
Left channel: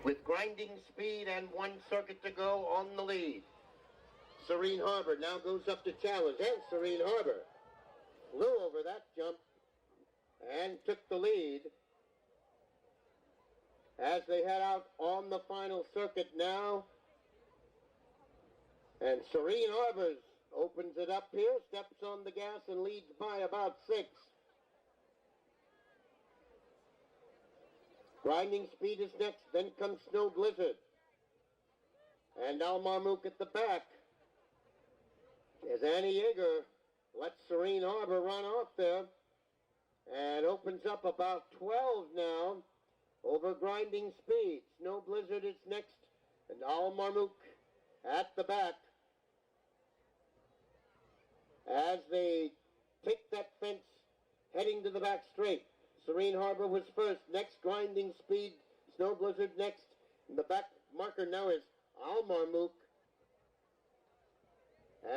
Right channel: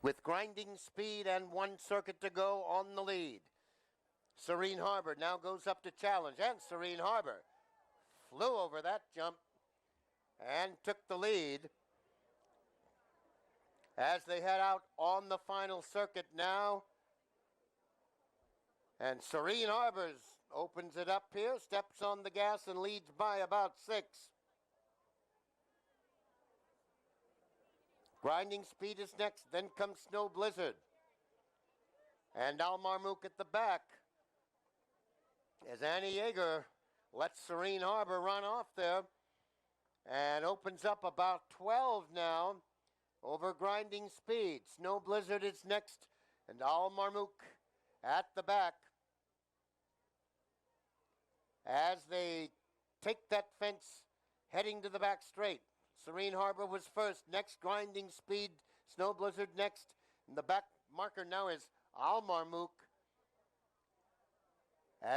with Grinding Speed and 1 circuit to go on the lead. Serene Harbor now goes up to challenge, and Serene Harbor flew over that jump and took the lead as they head out on the final circuit now. And Serene Harbors opens it up here, steps on the gas, and leads by about 6. Grinding Speed is next, then comes Snow Blizzard. And Al Marmook at the back as Annie Yeager lets Serene Harbor run off there and opens up about 12 now over Grinding Speed. Snow Blizzard is next, and Al Marmook at the back as they take that fence heading to the back straight. Serene Harbor was first, next Grinding Speed, Snow Blizzard next, and the back marker now is Al Marmook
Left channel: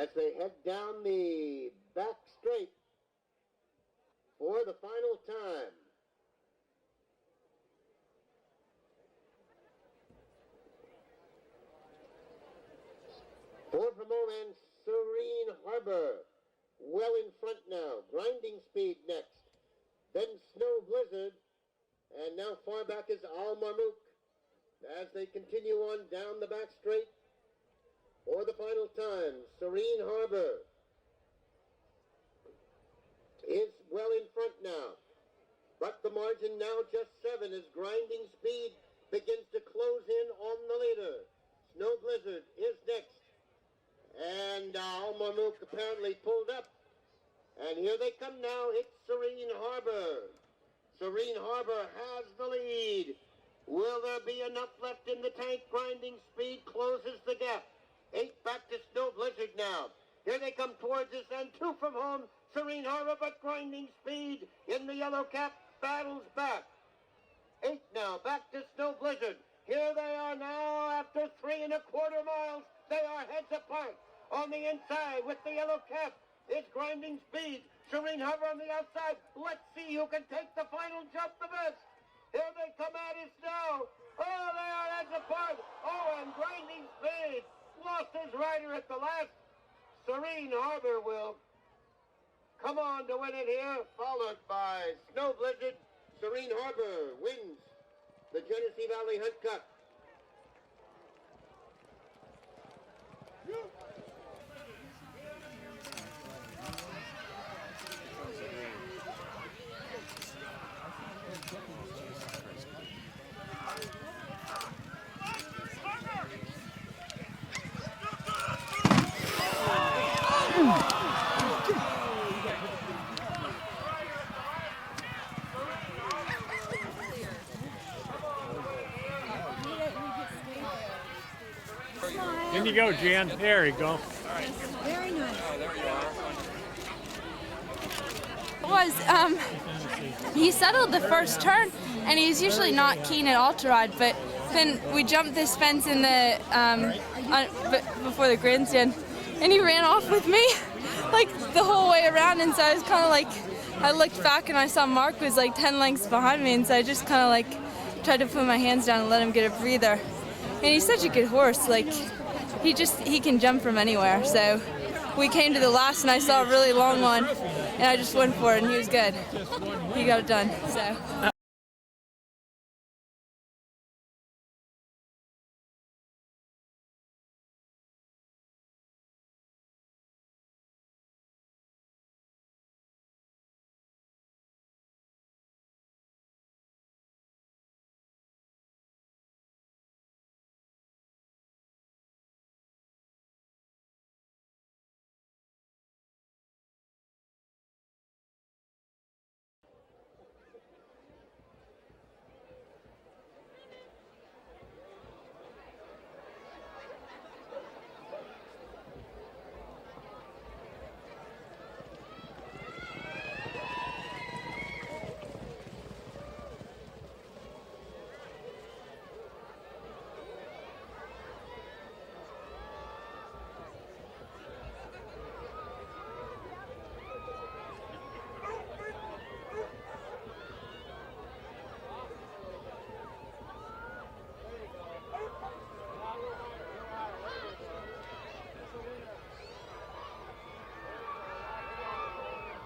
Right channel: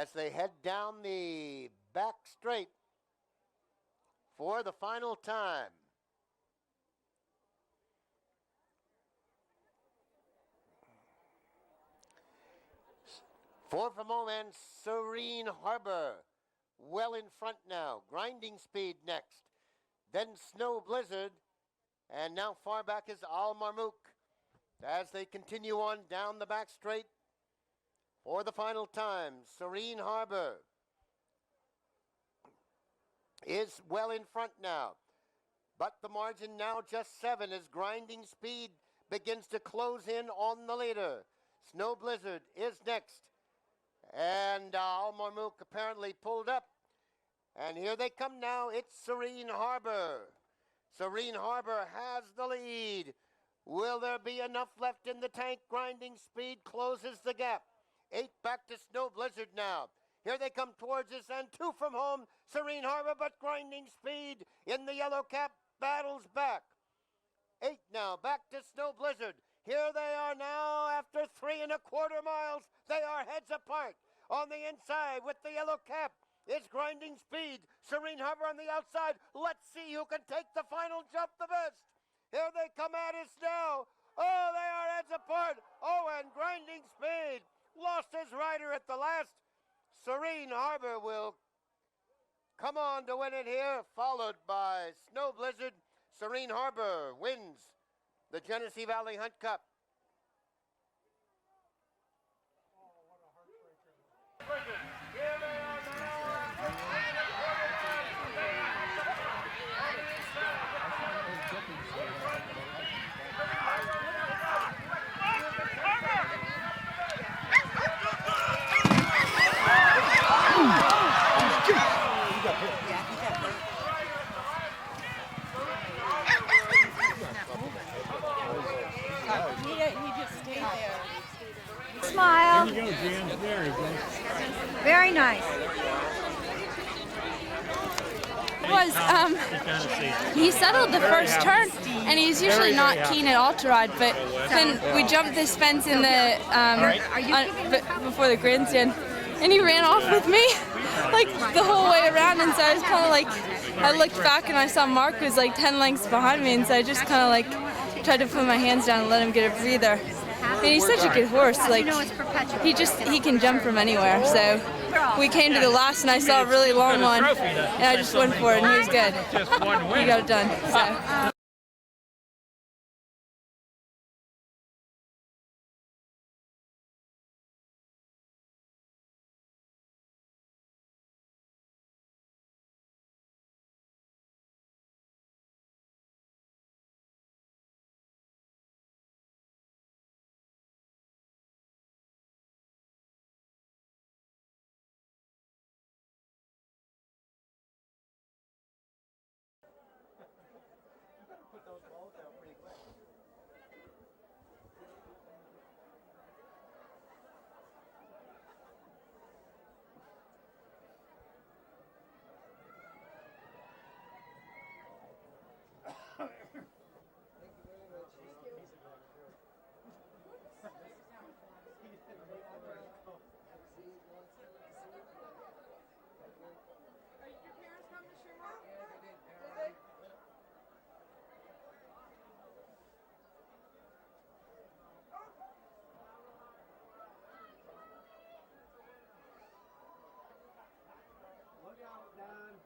as they head down the back straight for the final time. Four from all, and Serene Harbor well in front now. Grinding Speed next, then Snow Blizzard, and now far back is Al Marmook as they continue on down the back straight for the final time. Serene Harbor is well in front now, but the margin now just 7 as Grinding Speed begins to close in on the leader. Snow Blizzard is next, and Al Marmook apparently pulled up. And here they come now. It's Serene Harbor. Serene Harbor has the lead. Will there be enough left in the tank? Grinding Speed closes the gap. 8 back to Snow Blizzard now. Here they come towards us, and 2 from home. Serene Harbor, but Grinding Speed in the yellow cap battles back. 8 now, back to Snow Blizzard. Here they are now after 3.25 miles. They are heads apart. On the inside with the yellow cap is Grinding Speed. Serene Harbor on the outside. Let's see who can take the final jump the best. Here they come at us now. Oh, they are heads apart. Oh, and Grinding Speed lost his rider at the last. Serene Harbor will come on to win it here, followed by Snow Blizzard. Serene Harbor wins the Genesee Valley Hunt Cup. Smile. There you go, Jan. There you go. Very nice. He settled the first turn, and he's usually not keen at all to ride, but then we jumped this fence in the before the grandstand, and he ran off with me like the whole way around, and so I was kind of like, I looked back and I saw Mark was like 10 lengths behind me, and so I just kind of like tried to put my hands down and let him get a breather. And he's such a good horse, like he can jump from anywhere. So we came to the last and I saw a really long one and I just went for it and he was good. He got it done. So.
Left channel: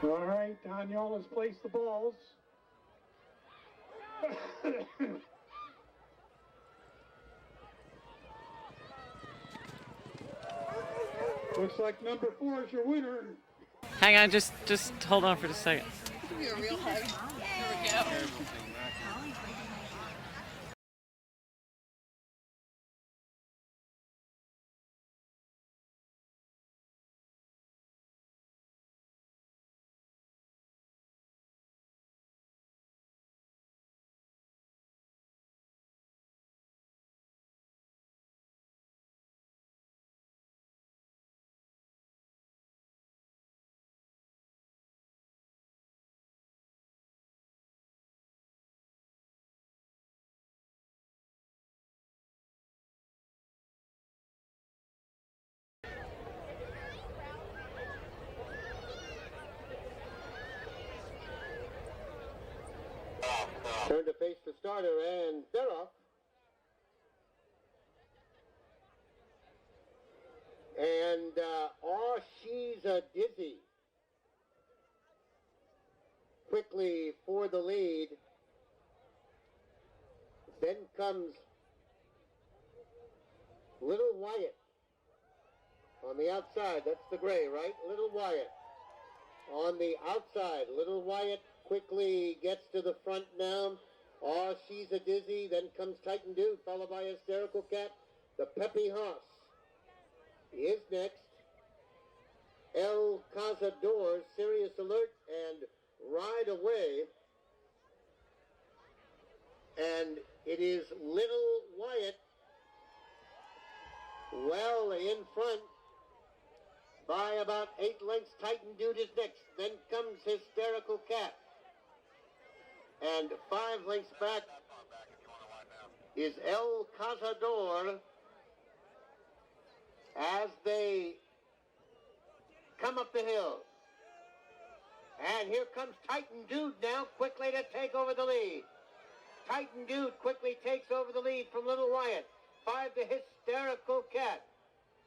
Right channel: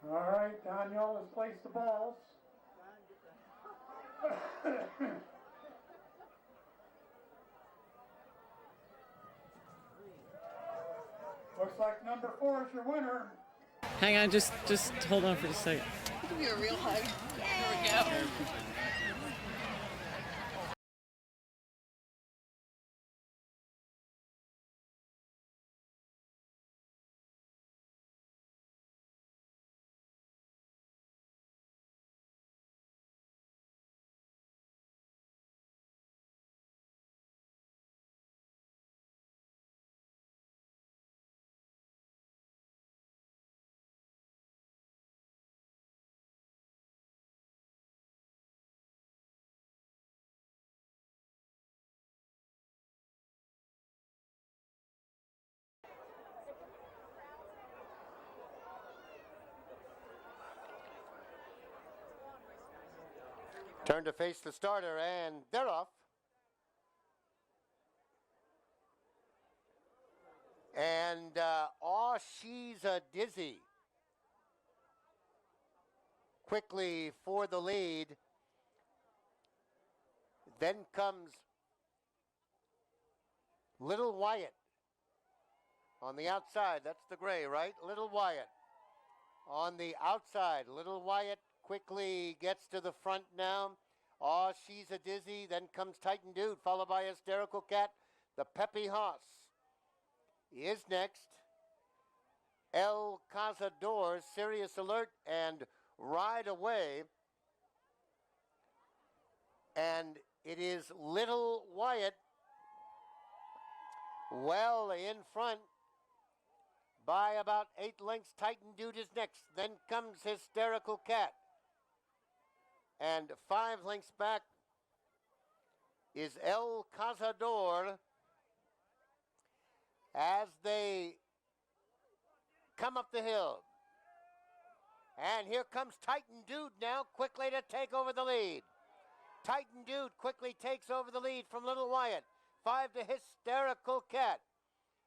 All right, Daniel has placed the balls. Looks like number 4 is your winner. Hang on, just hold on for just a second. Give you a real hug. There we go. Turn to face the starter, and they're off. And, oh, she's a dizzy. Quickly for the lead. Then comes Little Wyatt on the outside. That's the gray, right? Little Wyatt on the outside. Little Wyatt quickly gets to the front now. Oh, she's a dizzy. Then comes Titan Dude, followed by Hysterical Cat. The Peppy Hoss is next. El Cazador, Serious Alert, and Ride Away. And it is Little Wyatt well in front by about 8 lengths. Titan Dude is next. Then comes Hysterical Cat. And 5 lengths back is El Cazador as they come up the hill. And here comes Titan Dude now quickly to take over the lead. Titan Dude quickly takes over the lead from Little Wyatt. 5 to Hysterical Cat.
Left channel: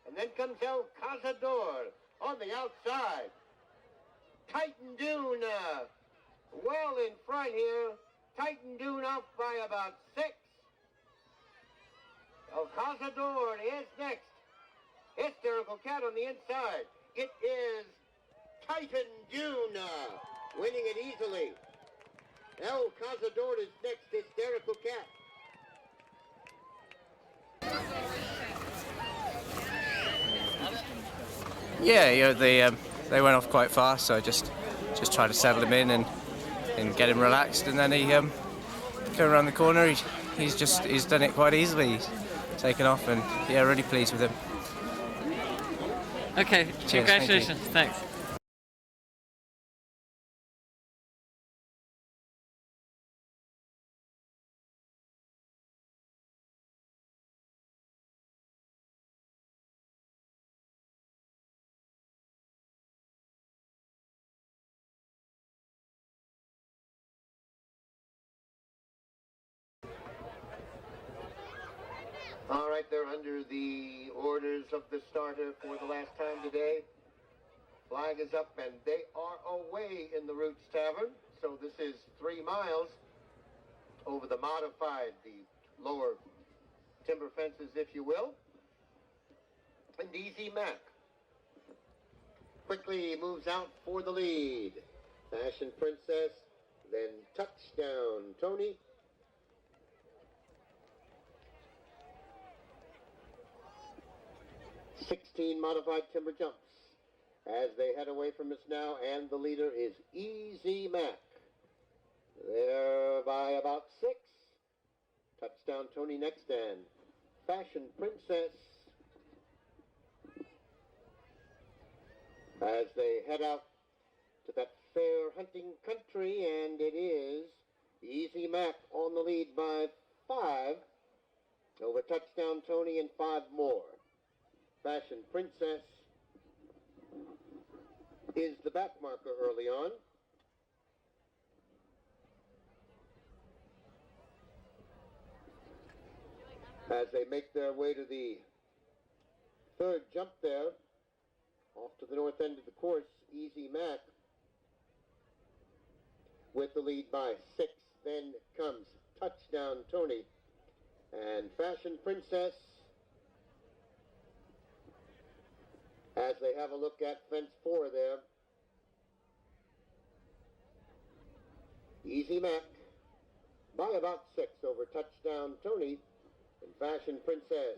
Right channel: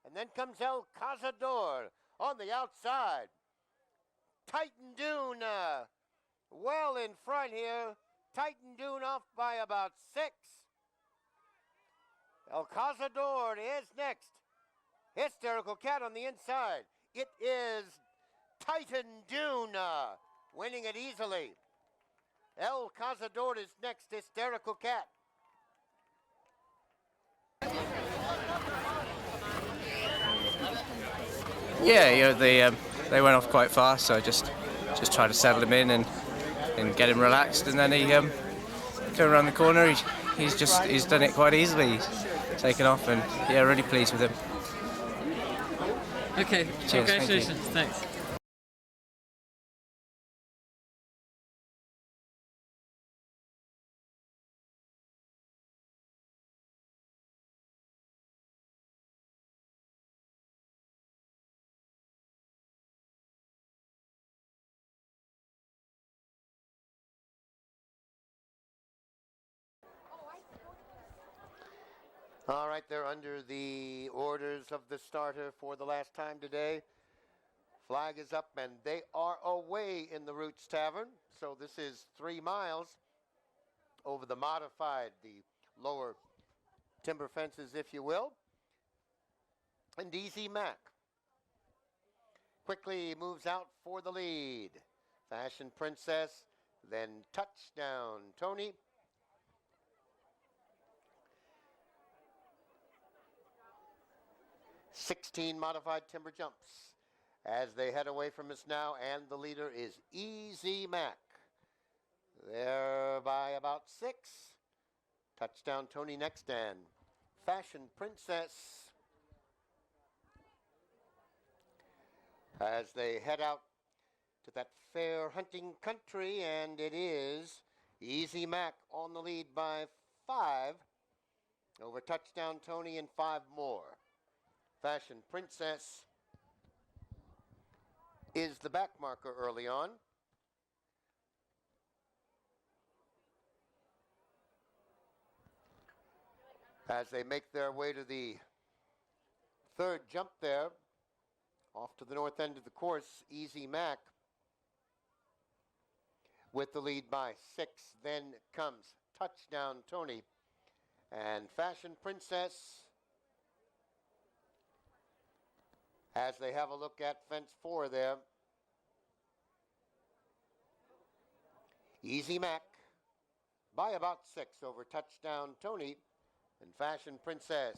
And then comes El Cazador on the outside. Titan Dune well in front here. Titan Dune off by about 6. El Cazador is next. Hysterical Cat on the inside. It is Titan Dune winning it easily. El Cazador is next. Hysterical Cat. Yeah, they went off quite fast, so I just tried to settle him in and get him relaxed, and then he came around the corner. He's done it quite easily. He's taken off, and yeah, really pleased with him. Okay, cheers, congratulations. Thanks. All right, they're under the orders of the starter for the last time today. Flag is up, and they are away in the Roots Tavern. So this is 3 miles over the modified, the lower timber fences, if you will. And Easy Mac quickly moves out for the lead. Fashion Princess, then Touchdown Tony. "16 modified timber jumps as they head away from us now, and the leader is Easy Mac. They're by about 6. Touchdown Tony next, and Fashion Princess as they head out to that fair hunting country, and it is Easy Mac on the lead by 5 over Touchdown Tony and 5 more. Fashion Princess is the back marker early on. As they make their way to the 3rd jump there, off to the north end of the course, Easy Mac with the lead by 6. Then comes Touchdown Tony and Fashion Princess as they have a look at fence 4 there. Easy Mac by about 6 over Touchdown Tony and Fashion Princess.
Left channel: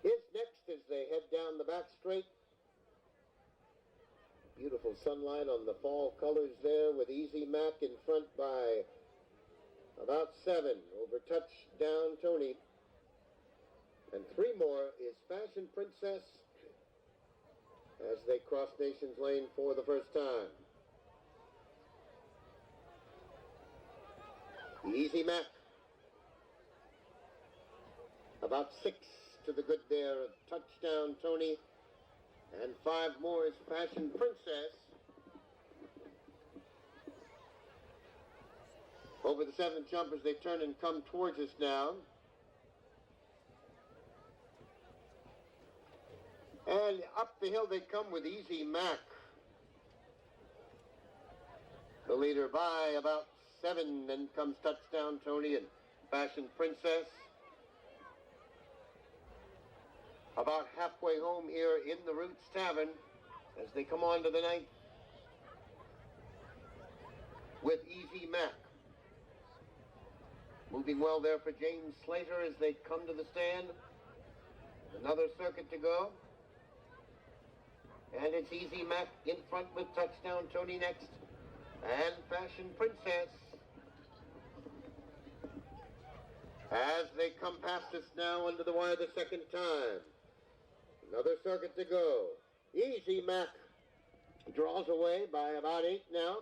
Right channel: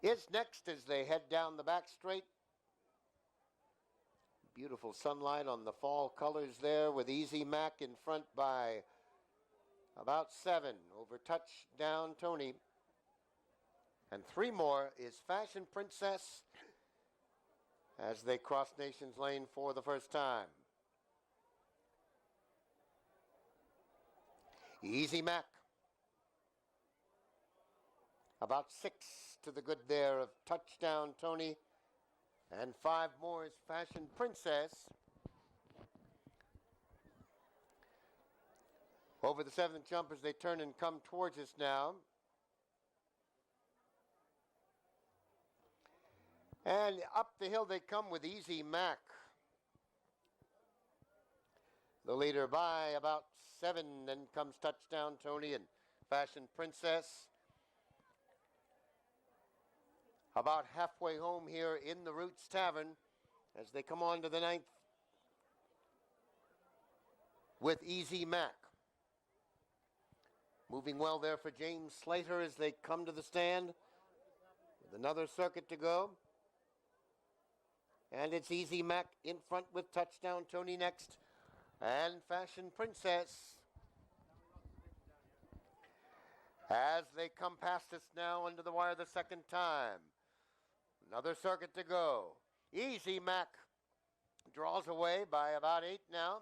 Is next as they head down the back straight. Beautiful sunlight on the fall colors there with Easy Mac in front by about 7 over Touchdown Tony. And 3 more is Fashion Princess as they cross Nations Lane for the first time. Easy Mac about 6 to the good there of Touchdown Tony, and 5 more is Fashion Princess. Over the 7th jump as they turn and come towards us now. And up the hill they come with Easy Mac, the leader by about 7. Then comes Touchdown Tony and Fashion Princess. About halfway home here in the Roots Tavern as they come on to the 9th with Easy Mac. Moving well there for James Slater as they come to the stand. Another circuit to go. And it's Easy Mac in front with Touchdown Tony next. And Fashion Princess as they come past us now under the wire the second time. Another circuit to go. Easy Mac draws away by about 8 now.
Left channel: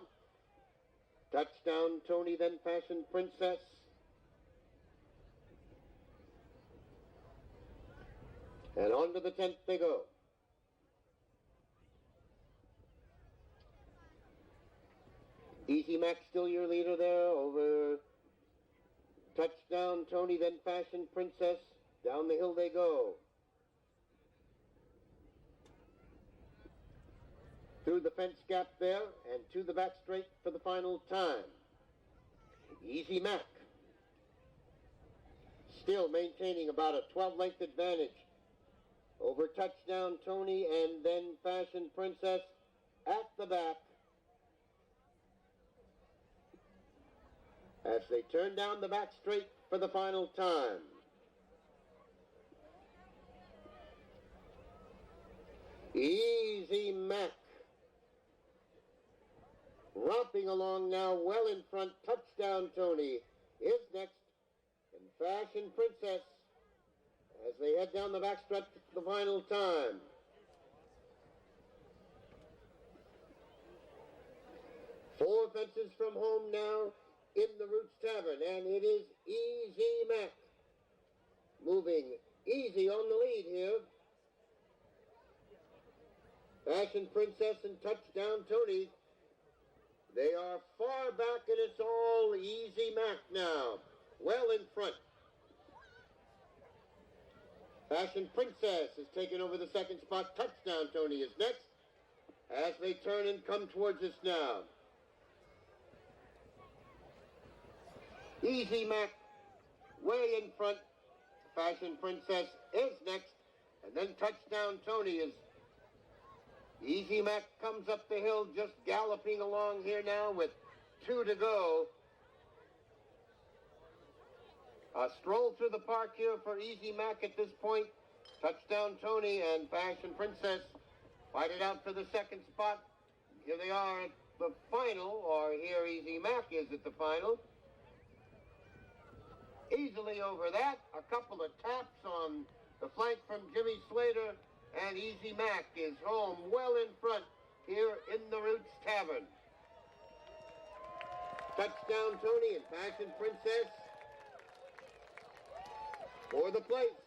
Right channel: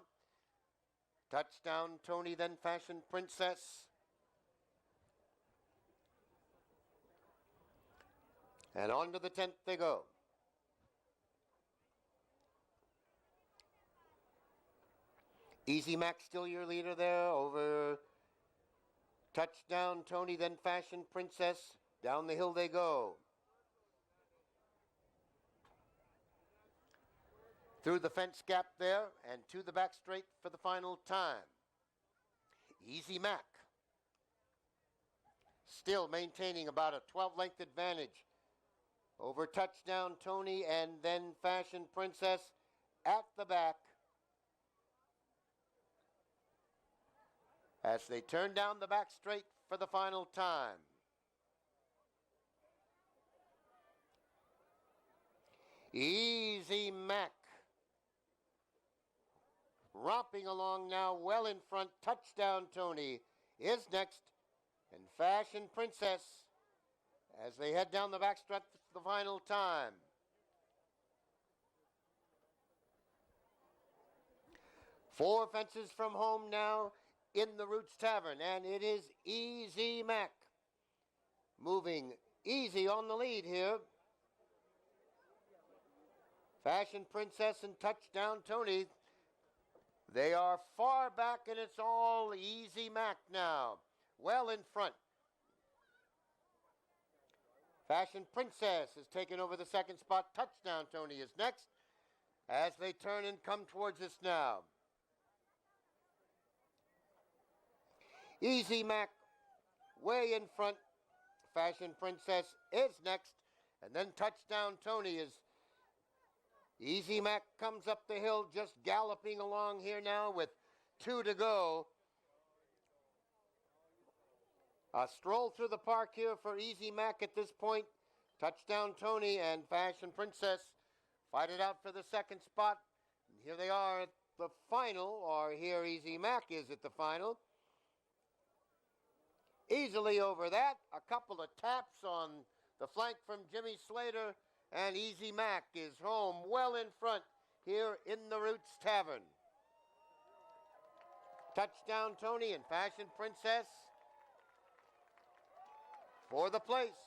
Touchdown Tony, then Fashion Princess. And on to the 10th they go. Easy Mac still your leader there over Touchdown Tony, then Fashion Princess. Down the hill they go. Through the fence gap there and to the back straight for the final time. Easy Mac still maintaining about a 12-length advantage over Touchdown Tony and then Fashion Princess at the back as they turn down the back straight for the final time. Easy Mac romping along now well in front. Touchdown Tony is next, and Fashion Princess as they head down the backstretch for the final time. Four fences from home now in the Roots Tavern, and it is Easy Mac moving easy on the lead here. Fashion Princess and Touchdown Tony, they are far back, and it's all Easy Mac now, well in front. Fashion Princess has taken over the second spot. Touchdown Tony is next as they turn and come towards us now. Easy Mac way in front. Fashion Princess is next, and then Touchdown Tony is. Easy Mac comes up the hill, just galloping along here now with 2 to go. A stroll through the park here for Easy Mac at this point. Touchdown Tony and Fashion Princess fight it out for the second spot. Here they are at the final, or here Easy Mac is at the final. Easily over that, a couple of taps on the flank from Jimmy Slater, and Easy Mac is home well in front here in the Roots Tavern. Touchdown Tony and Fashion Princess for the place.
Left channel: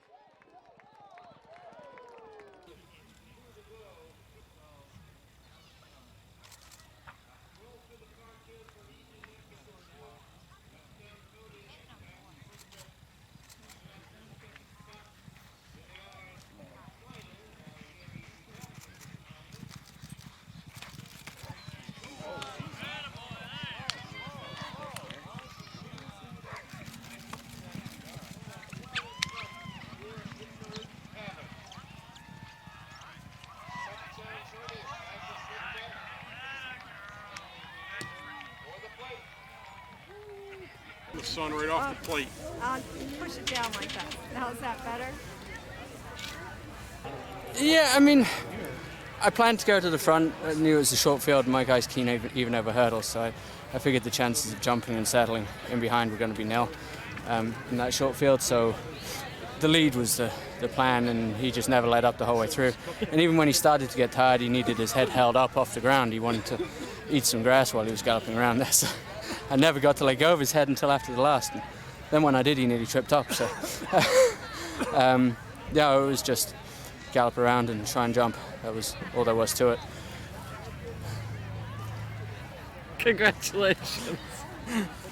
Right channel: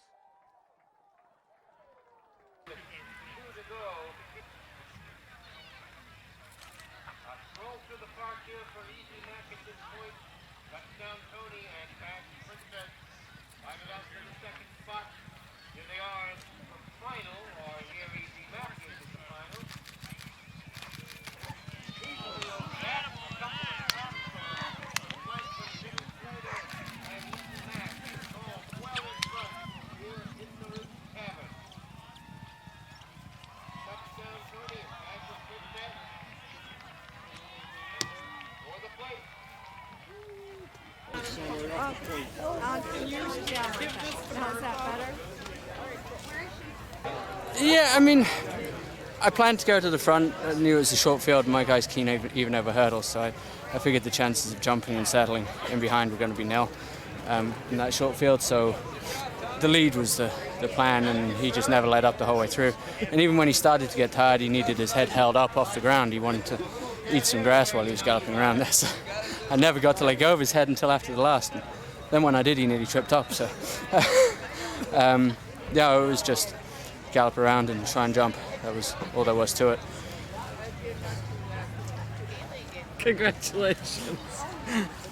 2 to go. A stroll through the park here for Easy Mac at this point. Touchdown Tony and Fashion Princess fight it out for the second spot. Here they are at the final, or here Easy Mac is at the final. on right off the plate. You should down like that. Now, is that better? Yeah, I mean, I planned to go to the front. I knew it was a short field, and my guys keen even over hurdles, so I figured the chances of jumping and settling in behind were going to be nil in that short field. So the lead was the plan, and he just never let up the whole way through. And even when he started to get tired, he needed his head held up off the ground. He wanted to eat some grass while he was galloping around there. So I never got to let go of his head until after the last. And then when I did, he nearly tripped up. So yeah, it was just gallop around and try and jump. That was all there was to it. Congratulations. Thanks.